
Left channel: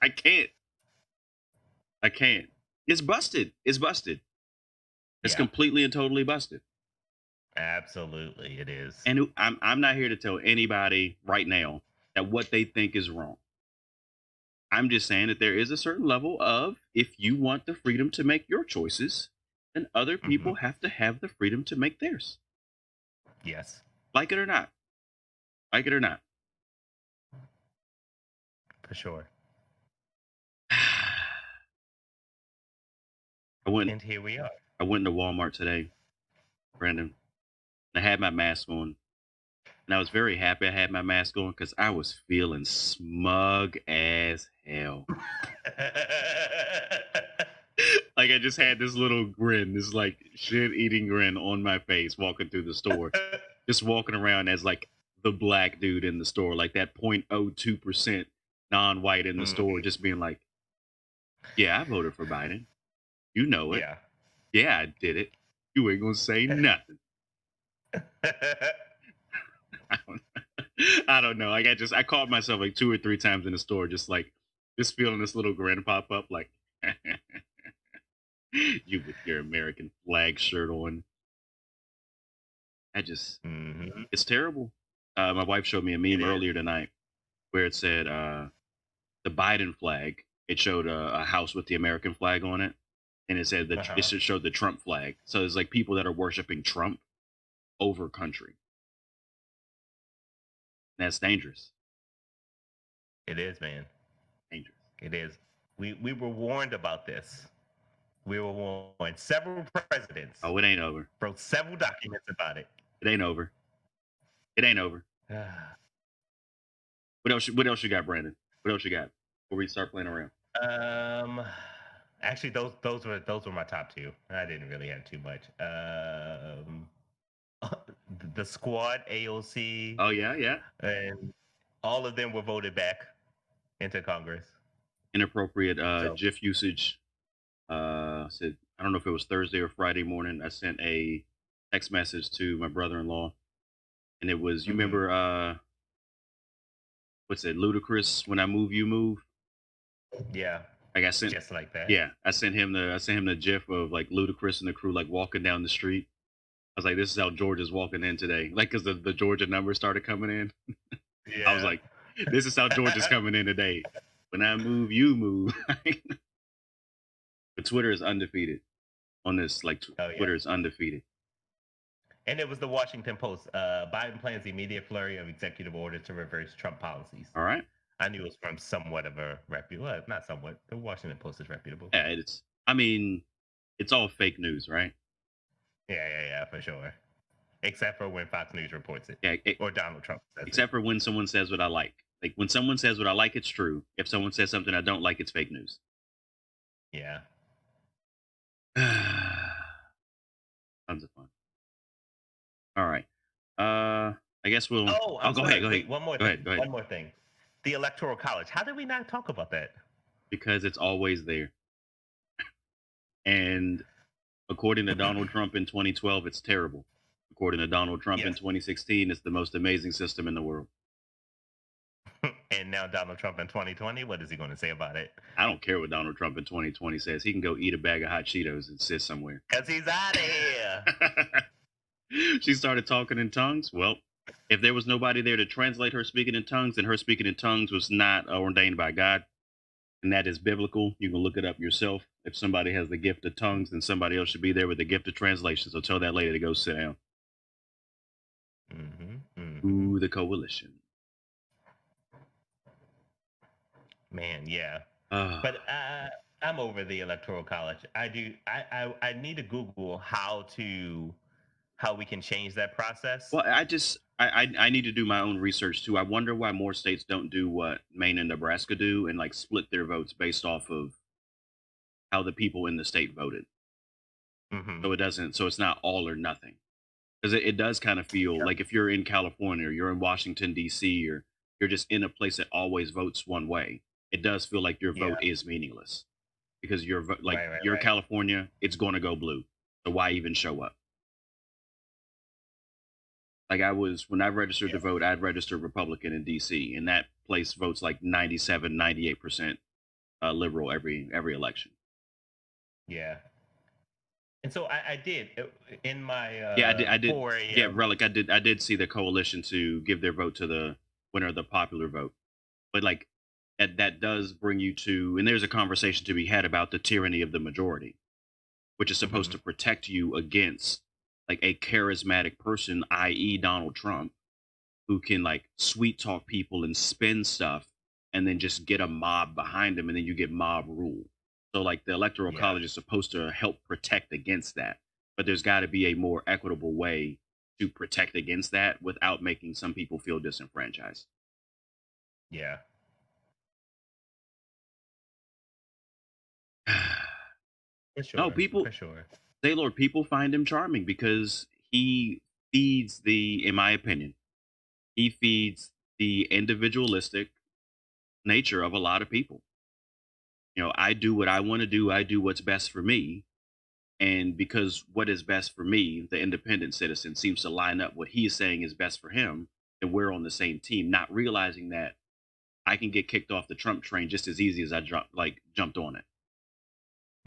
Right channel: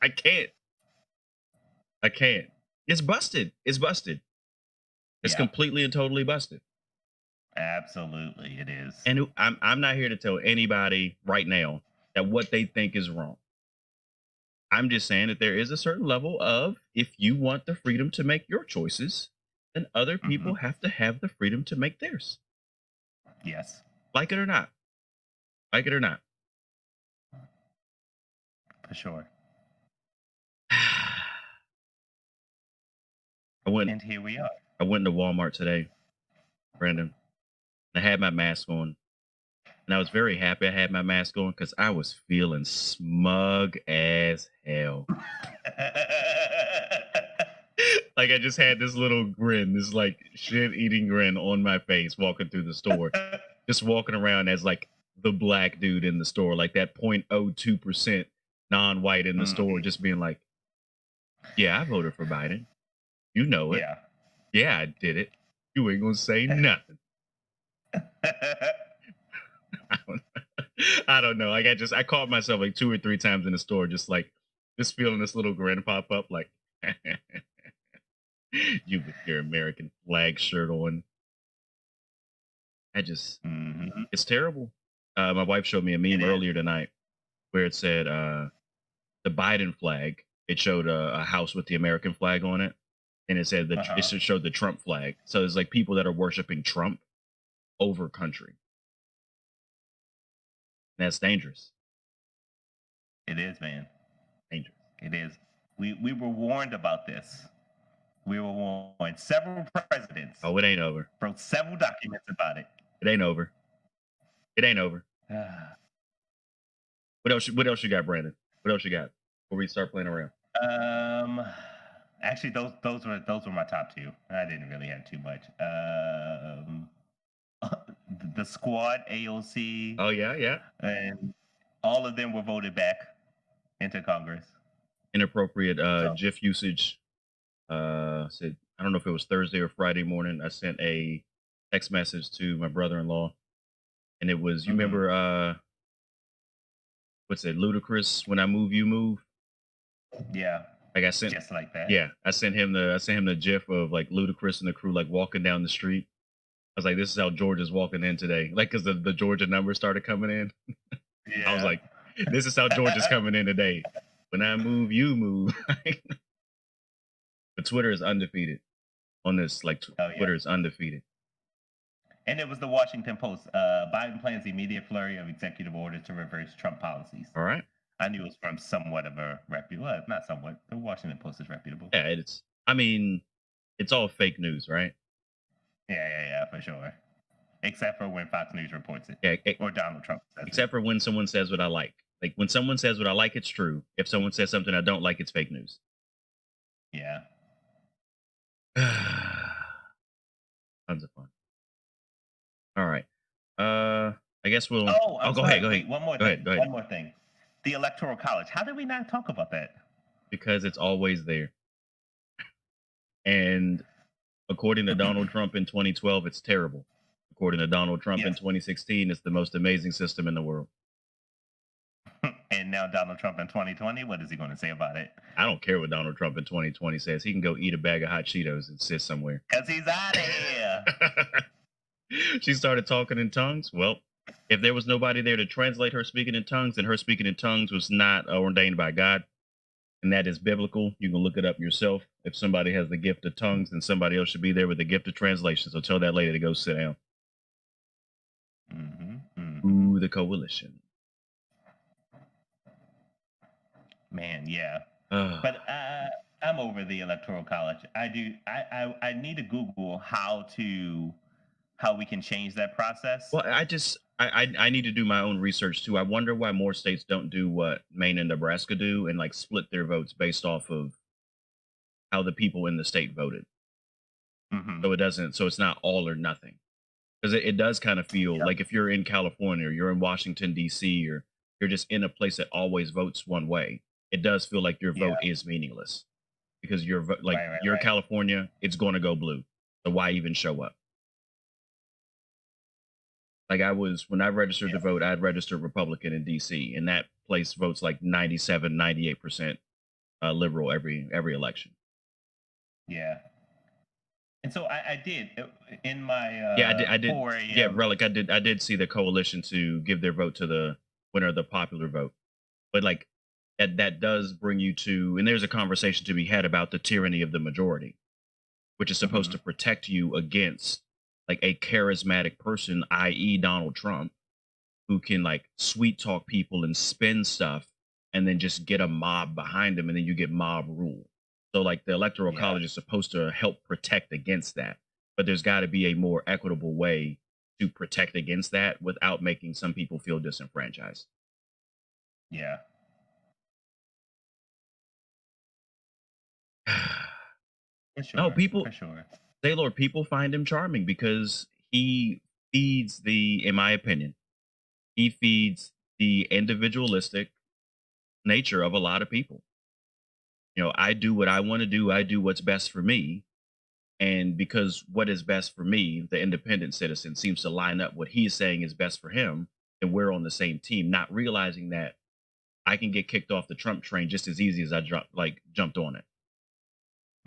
I can't. I can't. It's busted. It's busted. It's Yeah. completely and totally busted. Absolutely, it is. And I'm not here to tell anybody right now that what they think is wrong. I'm just saying that there is a certain level of if you want the freedom to make your choices, then other Hmm. people have to have the freedom to make theirs. Yes, Like it or not. Like it or not. for sure. I went And here we are. I went into Walmart today, Brandon. I had my mask on. And I was very happy I had my mask on because I was feeling smug as hell. Like I just had this little grin, this like shit eating grin on my face walking through the store. Just walking around as like the black dude in the store, like that 0.02% non-white in the store, Mhm. just being like, yeah, I voted for Biden. You know it. Yeah. Yeah, I did it. You ain't gonna say nothing. I don't, I don't know. Like I caught myself like 2 or 3 times in the store, just feeling this little grin pop up, like you with your American flag shirt on. I just, Hmm. it's terrible. My wife showed me a It meme is. earlier tonight where it said the Biden flag. It showed a house with the American flag on it, and it said it Uh-huh. showed the Trump flag. So there's like people that are worshiping Trump over country. That's dangerous. It is, man. Dangerous. It is. We were warned about this. We were warned. Several presidents Oh, it ain't over. wrote several documents about it. It ain't over. It ain't over. What else? What else you got, Brandon? What else you got before we start playing around? um, actually, those were my top two. I didn't really have too much. The squad, AOC, Oh yeah, yeah. and all of them were voted back into Congress. Inappropriate So, GIF usage. Said I don't know if it was Thursday or Friday morning. I sent a text message to my brother-in-law, and it was, you mhm, remember what's it, Ludacris, when I move you move. yeah, Like I sent, just like that. yeah, I sent him the GIF of like Ludacris and the crew like walking down the street. I was like, this is how Georgia's walking in today, like because the Georgia numbers started coming in. I was Yeah. like, this is how Georgia's coming in today. When I move, you move. But Twitter is undefeated on this. Like Oh yeah. Twitter is undefeated. And it was the Washington Post. Biden plans immediate flurry of executive orders to reverse Trump policies. All right. I knew it was from somewhat of a reputable, well, not somewhat. The Washington Post is reputable. Yeah, it's. I mean, it's all fake news, right? Yeah, for sure. Except for when Fox News reports it Yeah. or Donald Trump says it. Except for when someone says what I like. Like when someone says what I like, it's true. If someone says something I don't like, it's fake news. Yeah. Tons of fun. All right. I guess we'll. Oh, Oh, I'm go ahead. sorry. Go ahead. Wait, one more Go ahead. thing. Go ahead. One more thing. The Electoral College. How did we not talk about that? Because it's always there. And according to Donald Trump in 2012, it's terrible. According to Donald Trump in Yes. 2016, it's the most amazing system in the world. And now Donald Trump in 2020, what is he going to say about it? I don't care what Donald Trump in 2020 says. He can go eat a bag of hot Cheetos and sit somewhere. Because he's out of here. She started talking in tongues. Well, if there was nobody there to translate her speaking in tongues, then her speaking in tongues was not ordained by God, and that is biblical. You can look it up yourself. If somebody has the gift of tongues, then somebody else should be there with the gift of translation. So tell that lady to go sit down. Ooh, the coalition. Man, yeah. Uh, But I'm over the Electoral College. I do. I need to Google how we can change that process. well, I need to do my own research too. I wonder why more states don't do what Maine and Nebraska do and like split their votes based off of how the people in the state voted. Hmm. So it doesn't. So it's not all or nothing. Because it does kind of feel Yep. like if you're in California or you're in Washington D.C. or you're just in a place that always votes one way, it does feel like your Yeah. vote is meaningless because like Right. Right. you're Right. California, it's going to go blue. So why even show up? Like I was when I registered to Yeah. vote, I'd registered Republican in D.C. and that place votes like 97, 98% liberal every election. Yeah. And so I did in my Yeah, I did. 4 Yeah, a.m. relic. I did see the coalition to give their vote to the winner of the popular vote. But like that does bring you to, and there's a conversation to be had about the tyranny of the majority, which is supposed Hmm. to protect you against like a charismatic person, i.e., Donald Trump, who can like sweet talk people and spin stuff and then just get a mob behind him and then you get mob rule. So like the electoral Yeah. college is supposed to help protect against that. But there's got to be a more equitable way to protect against that without making some people feel disenfranchised. Yeah. For No, sure. people For sure. Taylor, people find him charming because he feeds the, in my opinion, he feeds the individualistic nature of a lot of people. I do what I want to do. I do what's best for me. And because what is best for me, the independent citizen seems to line up what he is saying is best for him. then we're on the same team, not realizing that I can get kicked off the Trump train just as easy as I jumped on it.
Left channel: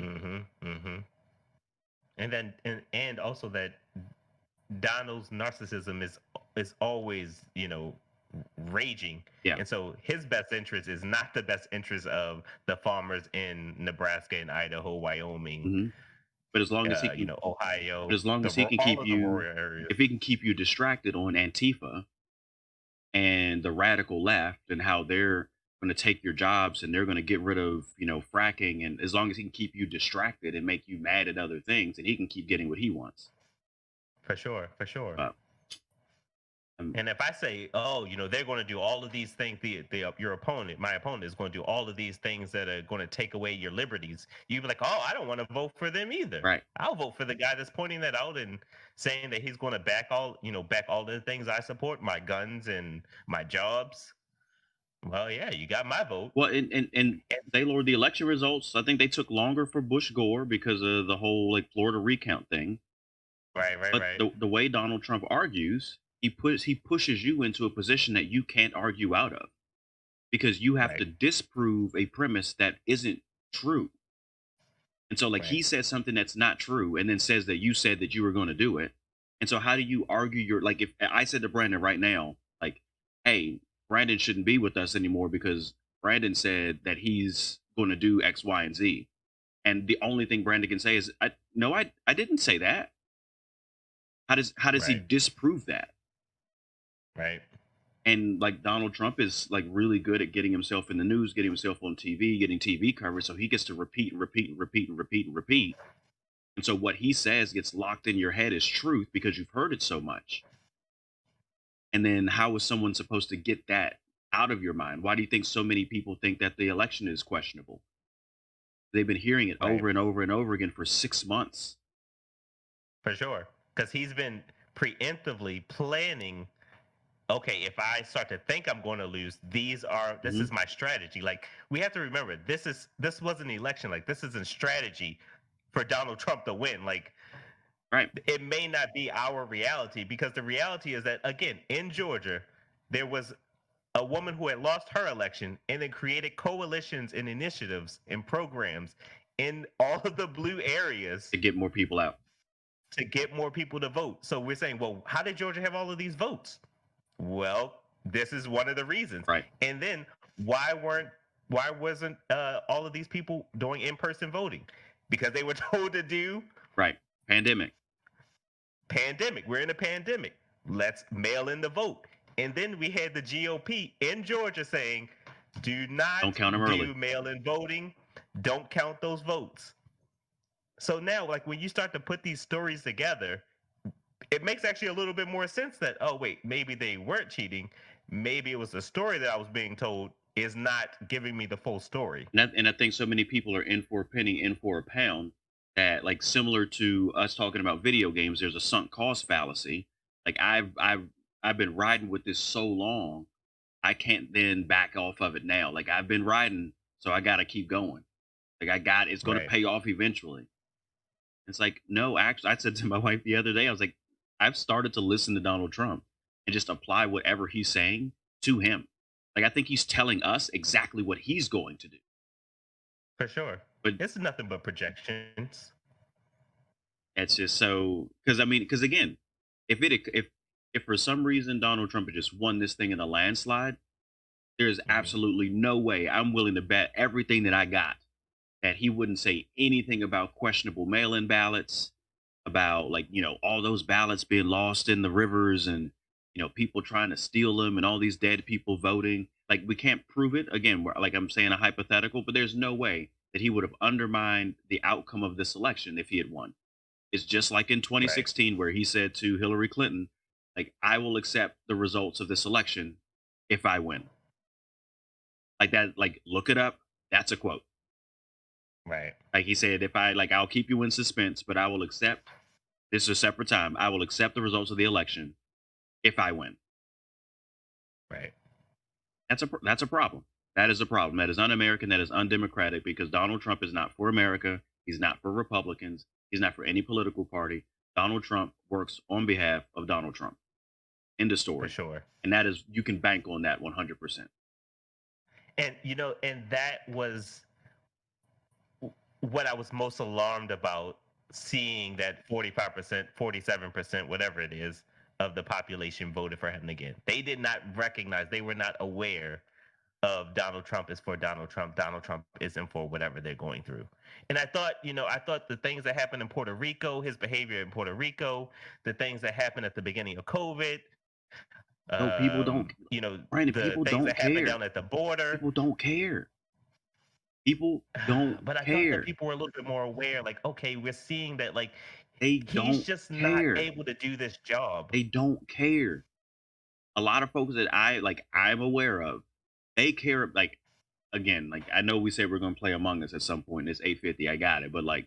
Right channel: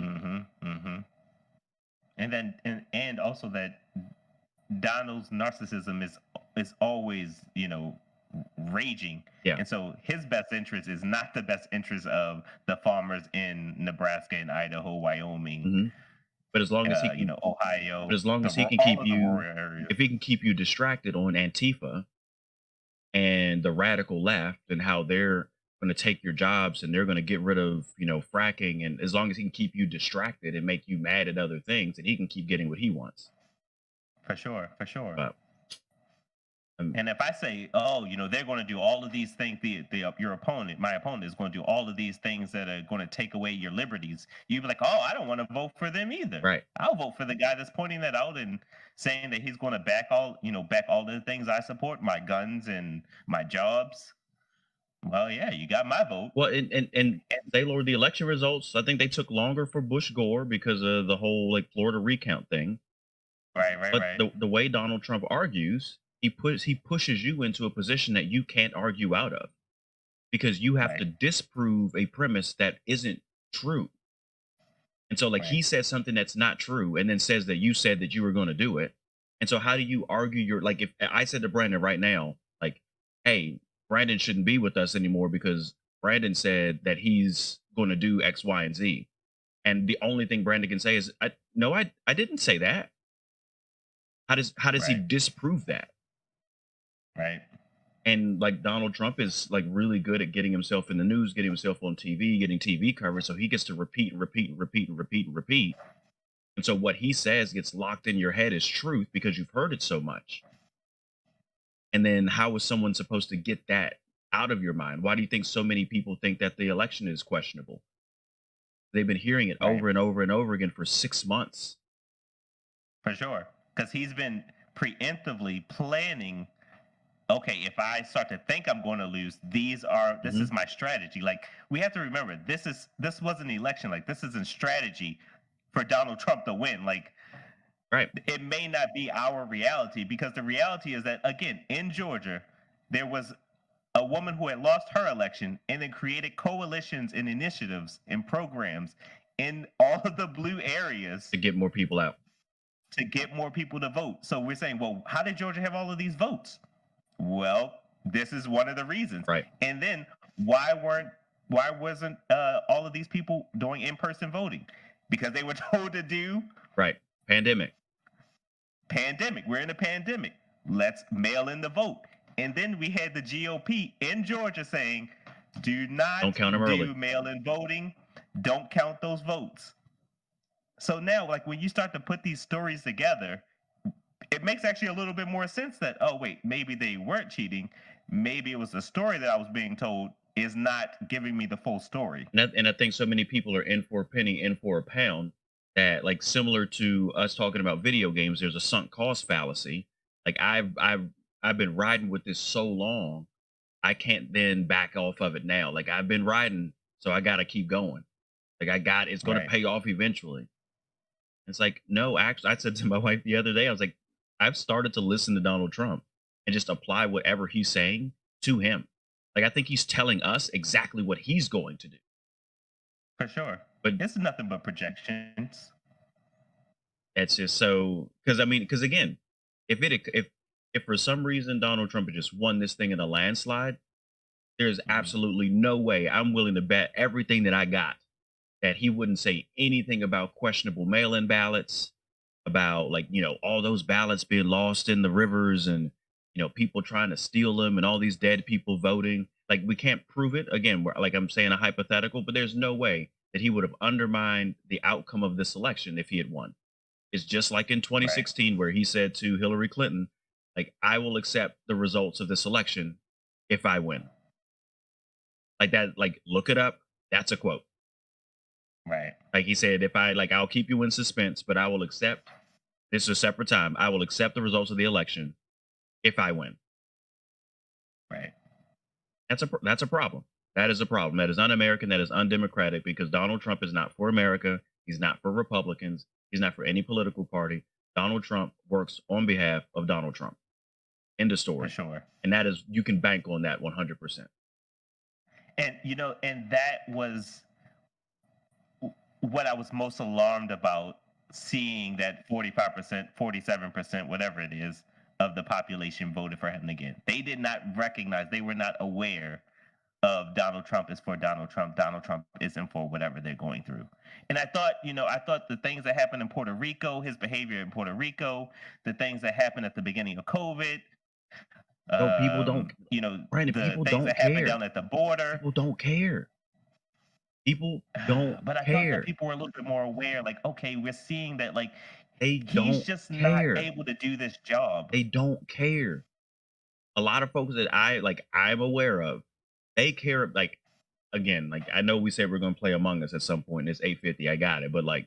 Mhm. Mhm. And then and also that Donald's narcissism is always, raging. Yeah. And so his best interest is not the best interest of the farmers in Nebraska and Idaho, Wyoming, hmm But as long as he can, but Ohio, as long as he can all keep of the you, rural areas. if he can keep you distracted on Antifa and the radical left and how they're going to take your jobs and they're going to get rid of, fracking, and as long as he can keep you distracted and make you mad at other things, and he can keep getting what he wants. For sure, for sure. But And if I say, oh, they're going to do all of these things, your opponent, my opponent, is going to do all of these things that are going to take away your liberties, you'd be like, oh, I don't want to vote for them either. right. I'll vote for the guy that's pointing that out and saying that he's going to back all the things I support, my guns and my jobs. Well, yeah, you got my vote. Well, and they lowered the election results. I think they took longer for Bush Gore because of the whole like Florida recount thing. Right, right, But right, the way Donald Trump argues, he pushes you into a position that you can't argue out of, because you have to right, disprove a premise that isn't true. And so like right. he said something that's not true and then says that you said that you were going to do it. And so how do you argue your, like, if I said to Brandon right now, like, hey, Brandon shouldn't be with us anymore because Brandon said that he's going to do X, Y, and Z. And the only thing Brandon can say is, no, I didn't say that. How does he Right, disprove that? right. And like Donald Trump is like really good at getting himself in the news, getting himself on TV, getting TV coverage. So he gets to repeat and repeat and repeat and repeat and repeat. And so what he says gets locked in your head as truth because you've heard it so much. And then how is someone supposed to get that out of your mind? Why do you think so many people think that the election is questionable? They've been hearing it Right. over and over and over again for 6 months. For sure. Because he's been preemptively planning, okay, if I start to think I'm going to lose, this hmm is my strategy. Like, we have to remember, this wasn't an election. Like, this isn't strategy for Donald Trump to win. Like, Right. it may not be our reality, because the reality is that, again, in Georgia, there was a woman who had lost her election and then created coalitions and initiatives and programs in all of the blue areas To get more people out. to get more people to vote. So we're saying, well, how did Georgia have all of these votes? Well, this is one of the reasons. Right. And then why wasn't all of these people doing in-person voting? Because they were told to do Right. Pandemic. pandemic. We're in a pandemic. Let's mail in the vote. And then we had the GOP in Georgia saying, do Don't not count them early. do mail-in voting. Don't count those votes. So now, like, when you start to put these stories together, it makes actually a little bit more sense that, oh wait, maybe they weren't cheating. Maybe it was the story that I was being told is not giving me the full story. And I think so many people are in for a penny, in for a pound, that like similar to us talking about video games, there's a sunk cost fallacy. Like I've been riding with this so long, I can't then back off of it now. Like I've been riding, so I gotta keep going. Like it's gonna Right. pay off eventually. It's like, no, actually I said to my wife the other day, I was like, I've started to listen to Donald Trump and just apply whatever he's saying to him. Like I think he's telling us exactly what he's going to do. For sure. But It's nothing but projections. it's just so, because I mean, because again, if for some reason Donald Trump had just won this thing in a landslide, there's Mhm. absolutely no way, I'm willing to bet everything that I got that he wouldn't say anything about questionable mail-in ballots, about like, all those ballots being lost in the rivers, and people trying to steal them, and all these dead people voting. Like we can't prove it. Again, like I'm saying, a hypothetical, but there's no way that he would have undermined the outcome of this election if he had won. It's just like in Right. 2016 where he said to Hillary Clinton, like, I will accept the results of this election if I win. Like that, like look it up. That's a quote. Right. Like he said, if I like, I'll keep you in suspense, but I will accept, this is a separate time. I will accept the results of the election if I win. Right. That's a problem. That is a problem. That is un-American. That is undemocratic, because Donald Trump is not for America. He's not for Republicans. He's not for any political party. Donald Trump works on behalf of Donald Trump. End of For story. sure. And that is, you can bank on that 100%. And and that was what I was most alarmed about, seeing that 45%, 47%, whatever it is, of the population voted for him again. They did not recognize, they were not aware of Donald Trump is for Donald Trump. Donald Trump isn't for whatever they're going through. And I thought the things that happened in Puerto Rico, his behavior in Puerto Rico, the things that happened at the beginning of COVID, No, people don't, Brandon, the people things don't that happened care. down at the border. People don't care. People don't But I thought that care. people were a little bit more aware, like, okay, we're seeing that, like, They he's don't just not care. able to do this job. They don't care. A lot of folks that I'm aware of, they care. Like, again, like, I know we said we're gonna play Among Us at some point. It's 8:50. I got it. But like,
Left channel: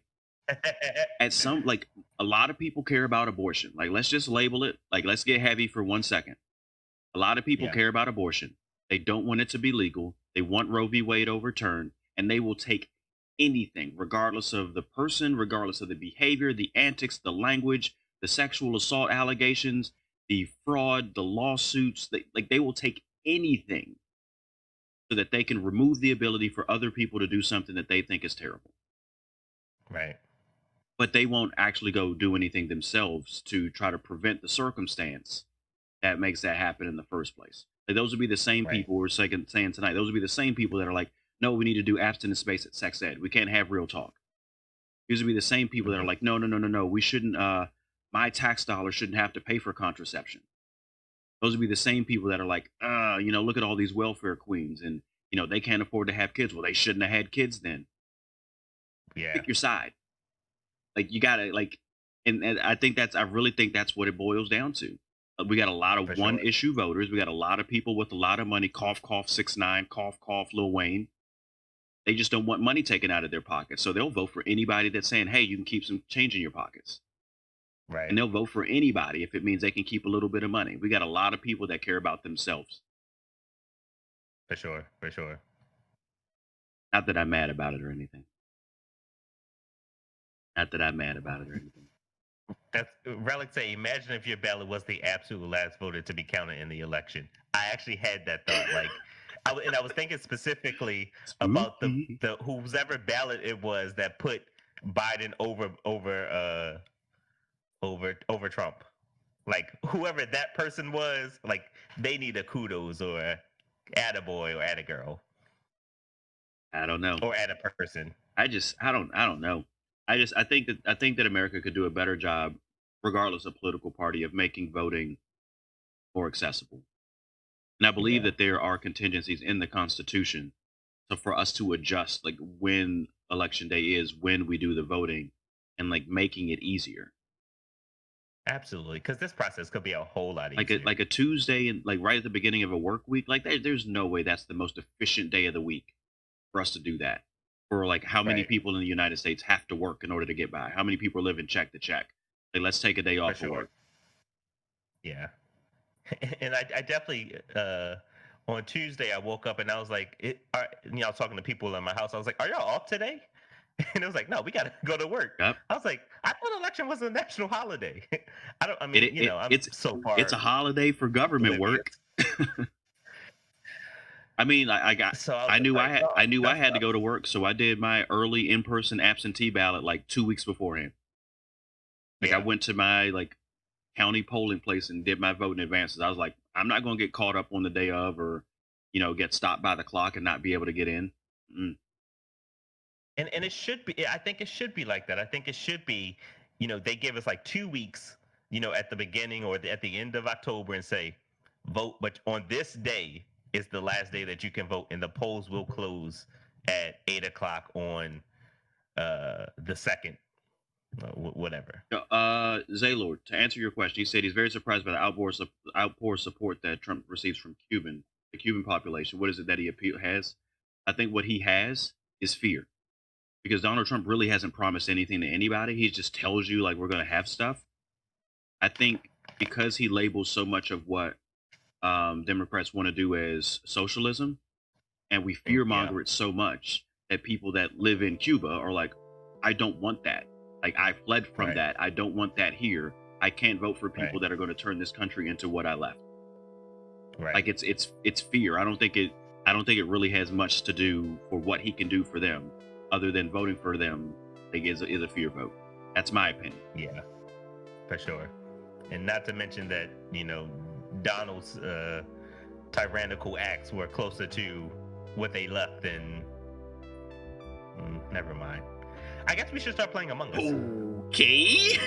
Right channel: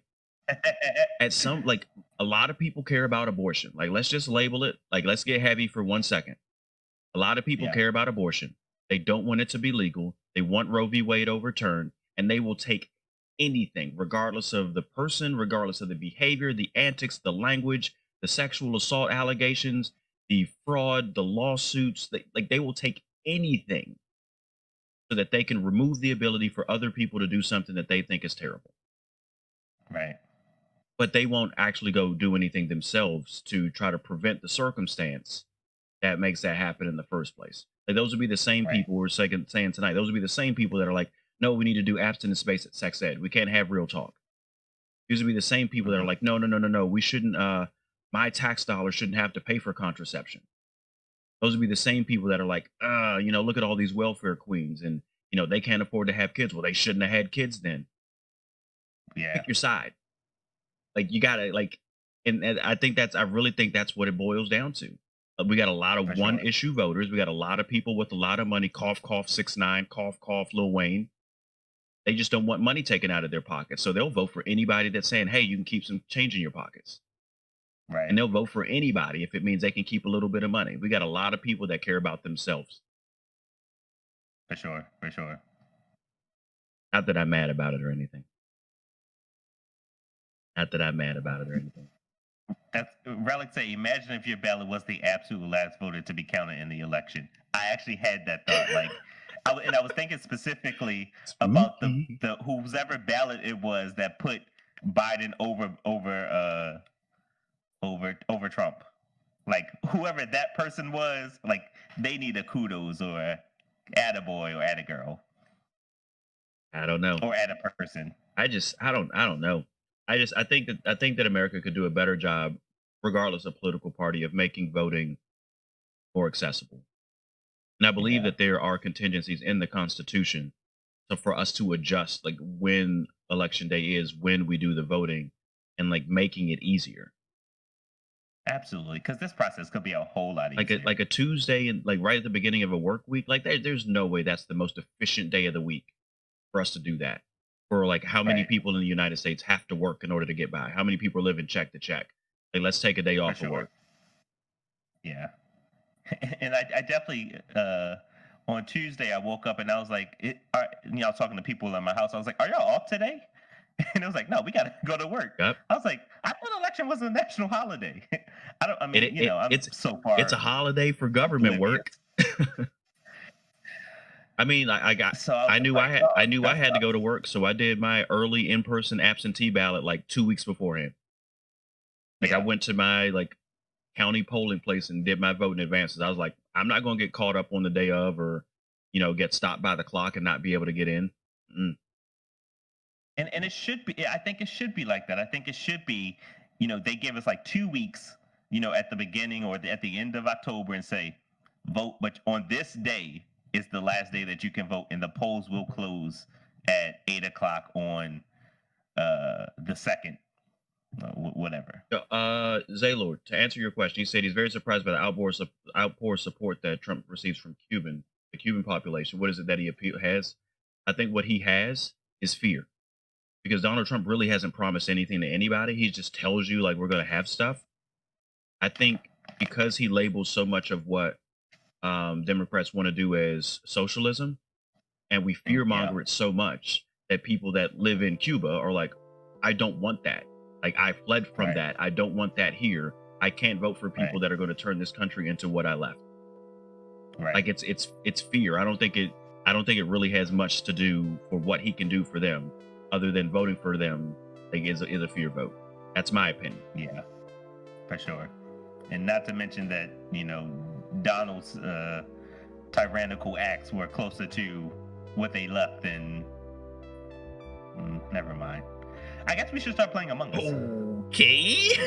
at some, like, a lot of people care about abortion. Like, let's just label it. Like, let's get heavy for 1 second. A lot of people Yeah, care about abortion. They don't want it to be legal. They want Roe v. Wade overturned, and they will take anything, regardless of the person, regardless of the behavior, the antics, the language, the sexual assault allegations, the fraud, the lawsuits. They will take anything so that they can remove the ability for other people to do something that they think is terrible. right. But they won't actually go do anything themselves to try to prevent the circumstance that makes that happen in the first place. Like, those would be the same Right. people we're saying tonight. Those would be the same people that are like, no, we need to do abstinence space at sex ed. We can't have real talk. These would be the same people that are Mhm. like, no, no, no, no, no. We shouldn't. My tax dollars shouldn't have to pay for contraception. Those would be the same people that are like, look at all these welfare queens, and they can't afford to have kids. Well, they shouldn't have had kids then. Yeah, Pick your side. Like, you gotta, like, and I really think that's what it boils down to. We got a lot of for one sure. issue voters. We got a lot of people with a lot of money. Cough, cough, 6ix9ine. Cough, cough, Lil Wayne. They just don't want money taken out of their pockets, so they'll vote for anybody that's saying, "Hey, you can keep some change in your pockets," and Right. they'll vote for anybody if it means they can keep a little bit of money. We got a lot of people that care about themselves. For sure. For sure. Not that I'm mad about it or anything. Not that I'm mad about it or anything. That's Relic say, imagine if your ballot was the absolute last voter to be counted in the election. I actually had that thought. Like, I was thinking specifically about Spooky. the whoever ballot it was that put Biden over Trump. Like, whoever that person was, like, they need a kudos or a attaboy or attagirl I don't know. or add a person. I don't know. I think that America could do a better job, regardless of political party, of making voting more accessible. And I believe Yeah, that there are contingencies in the Constitution, so for us to adjust, like, when election day is, when we do the voting, and like making it easier. absolutely. Because this process could be a whole lot easier. Like a Tuesday, and like right at the beginning of a work week, like, there's no way that's the most efficient day of the week for us to do that. For, like, how many Right. people in the United States have to work in order to get by? How many people live in check to check? Like, let's take a day For off of sure. work. Yeah. And I definitely on Tuesday I woke up and I was like, I was talking to people in my house. I was like, "Are y'all off today?" And it was like, "No, we got to go to work." Yep. I was like, "I thought election was a national holiday." I don't. I It, mean, it, it I'm it's so it's a far holiday for government oblivious. work. I mean, So I was I just knew like, I "Oh, knew I that's had to tough." go to work, so I did my early in-person absentee ballot like 2 weeks beforehand. Like, I Yeah. went to my, like, county polling place and did my vote in advance. I was like, I'm not going to get caught up on the day of, or get stopped by the clock and not be able to get in. Mm. And it should be. I think it should be like that. I think it should be. They give us like 2 weeks. At the beginning or at the end of October, and say, vote. But on this day is the last day that you can vote, and the polls will close at 8 o'clock on the second, whatever. Zaylord, to answer your question, he said he's very surprised by the outpour support that Trump receives from the Cuban population. What is it that he has? I think what he has is fear, because Donald Trump really hasn't promised anything to anybody. He just tells you, like, we're going to have stuff. I think because he labels so much of what Democrats want to do as socialism, and we fear Yeah. monger it so much that people that live in Cuba are like, I don't want that. Like, I fled from Right. that. I don't want that here. I can't vote for people that are going to turn this country into what I left. Right. Like it's fear. I don't think it really has much to do for what he can do for them, other than voting for them. Like is a fear vote. That's my opinion. Yeah, for sure. And not to mention that, you know, Donald's tyrannical acts were closer to what they left than. Never mind. I guess we should start playing Among Us. Okay.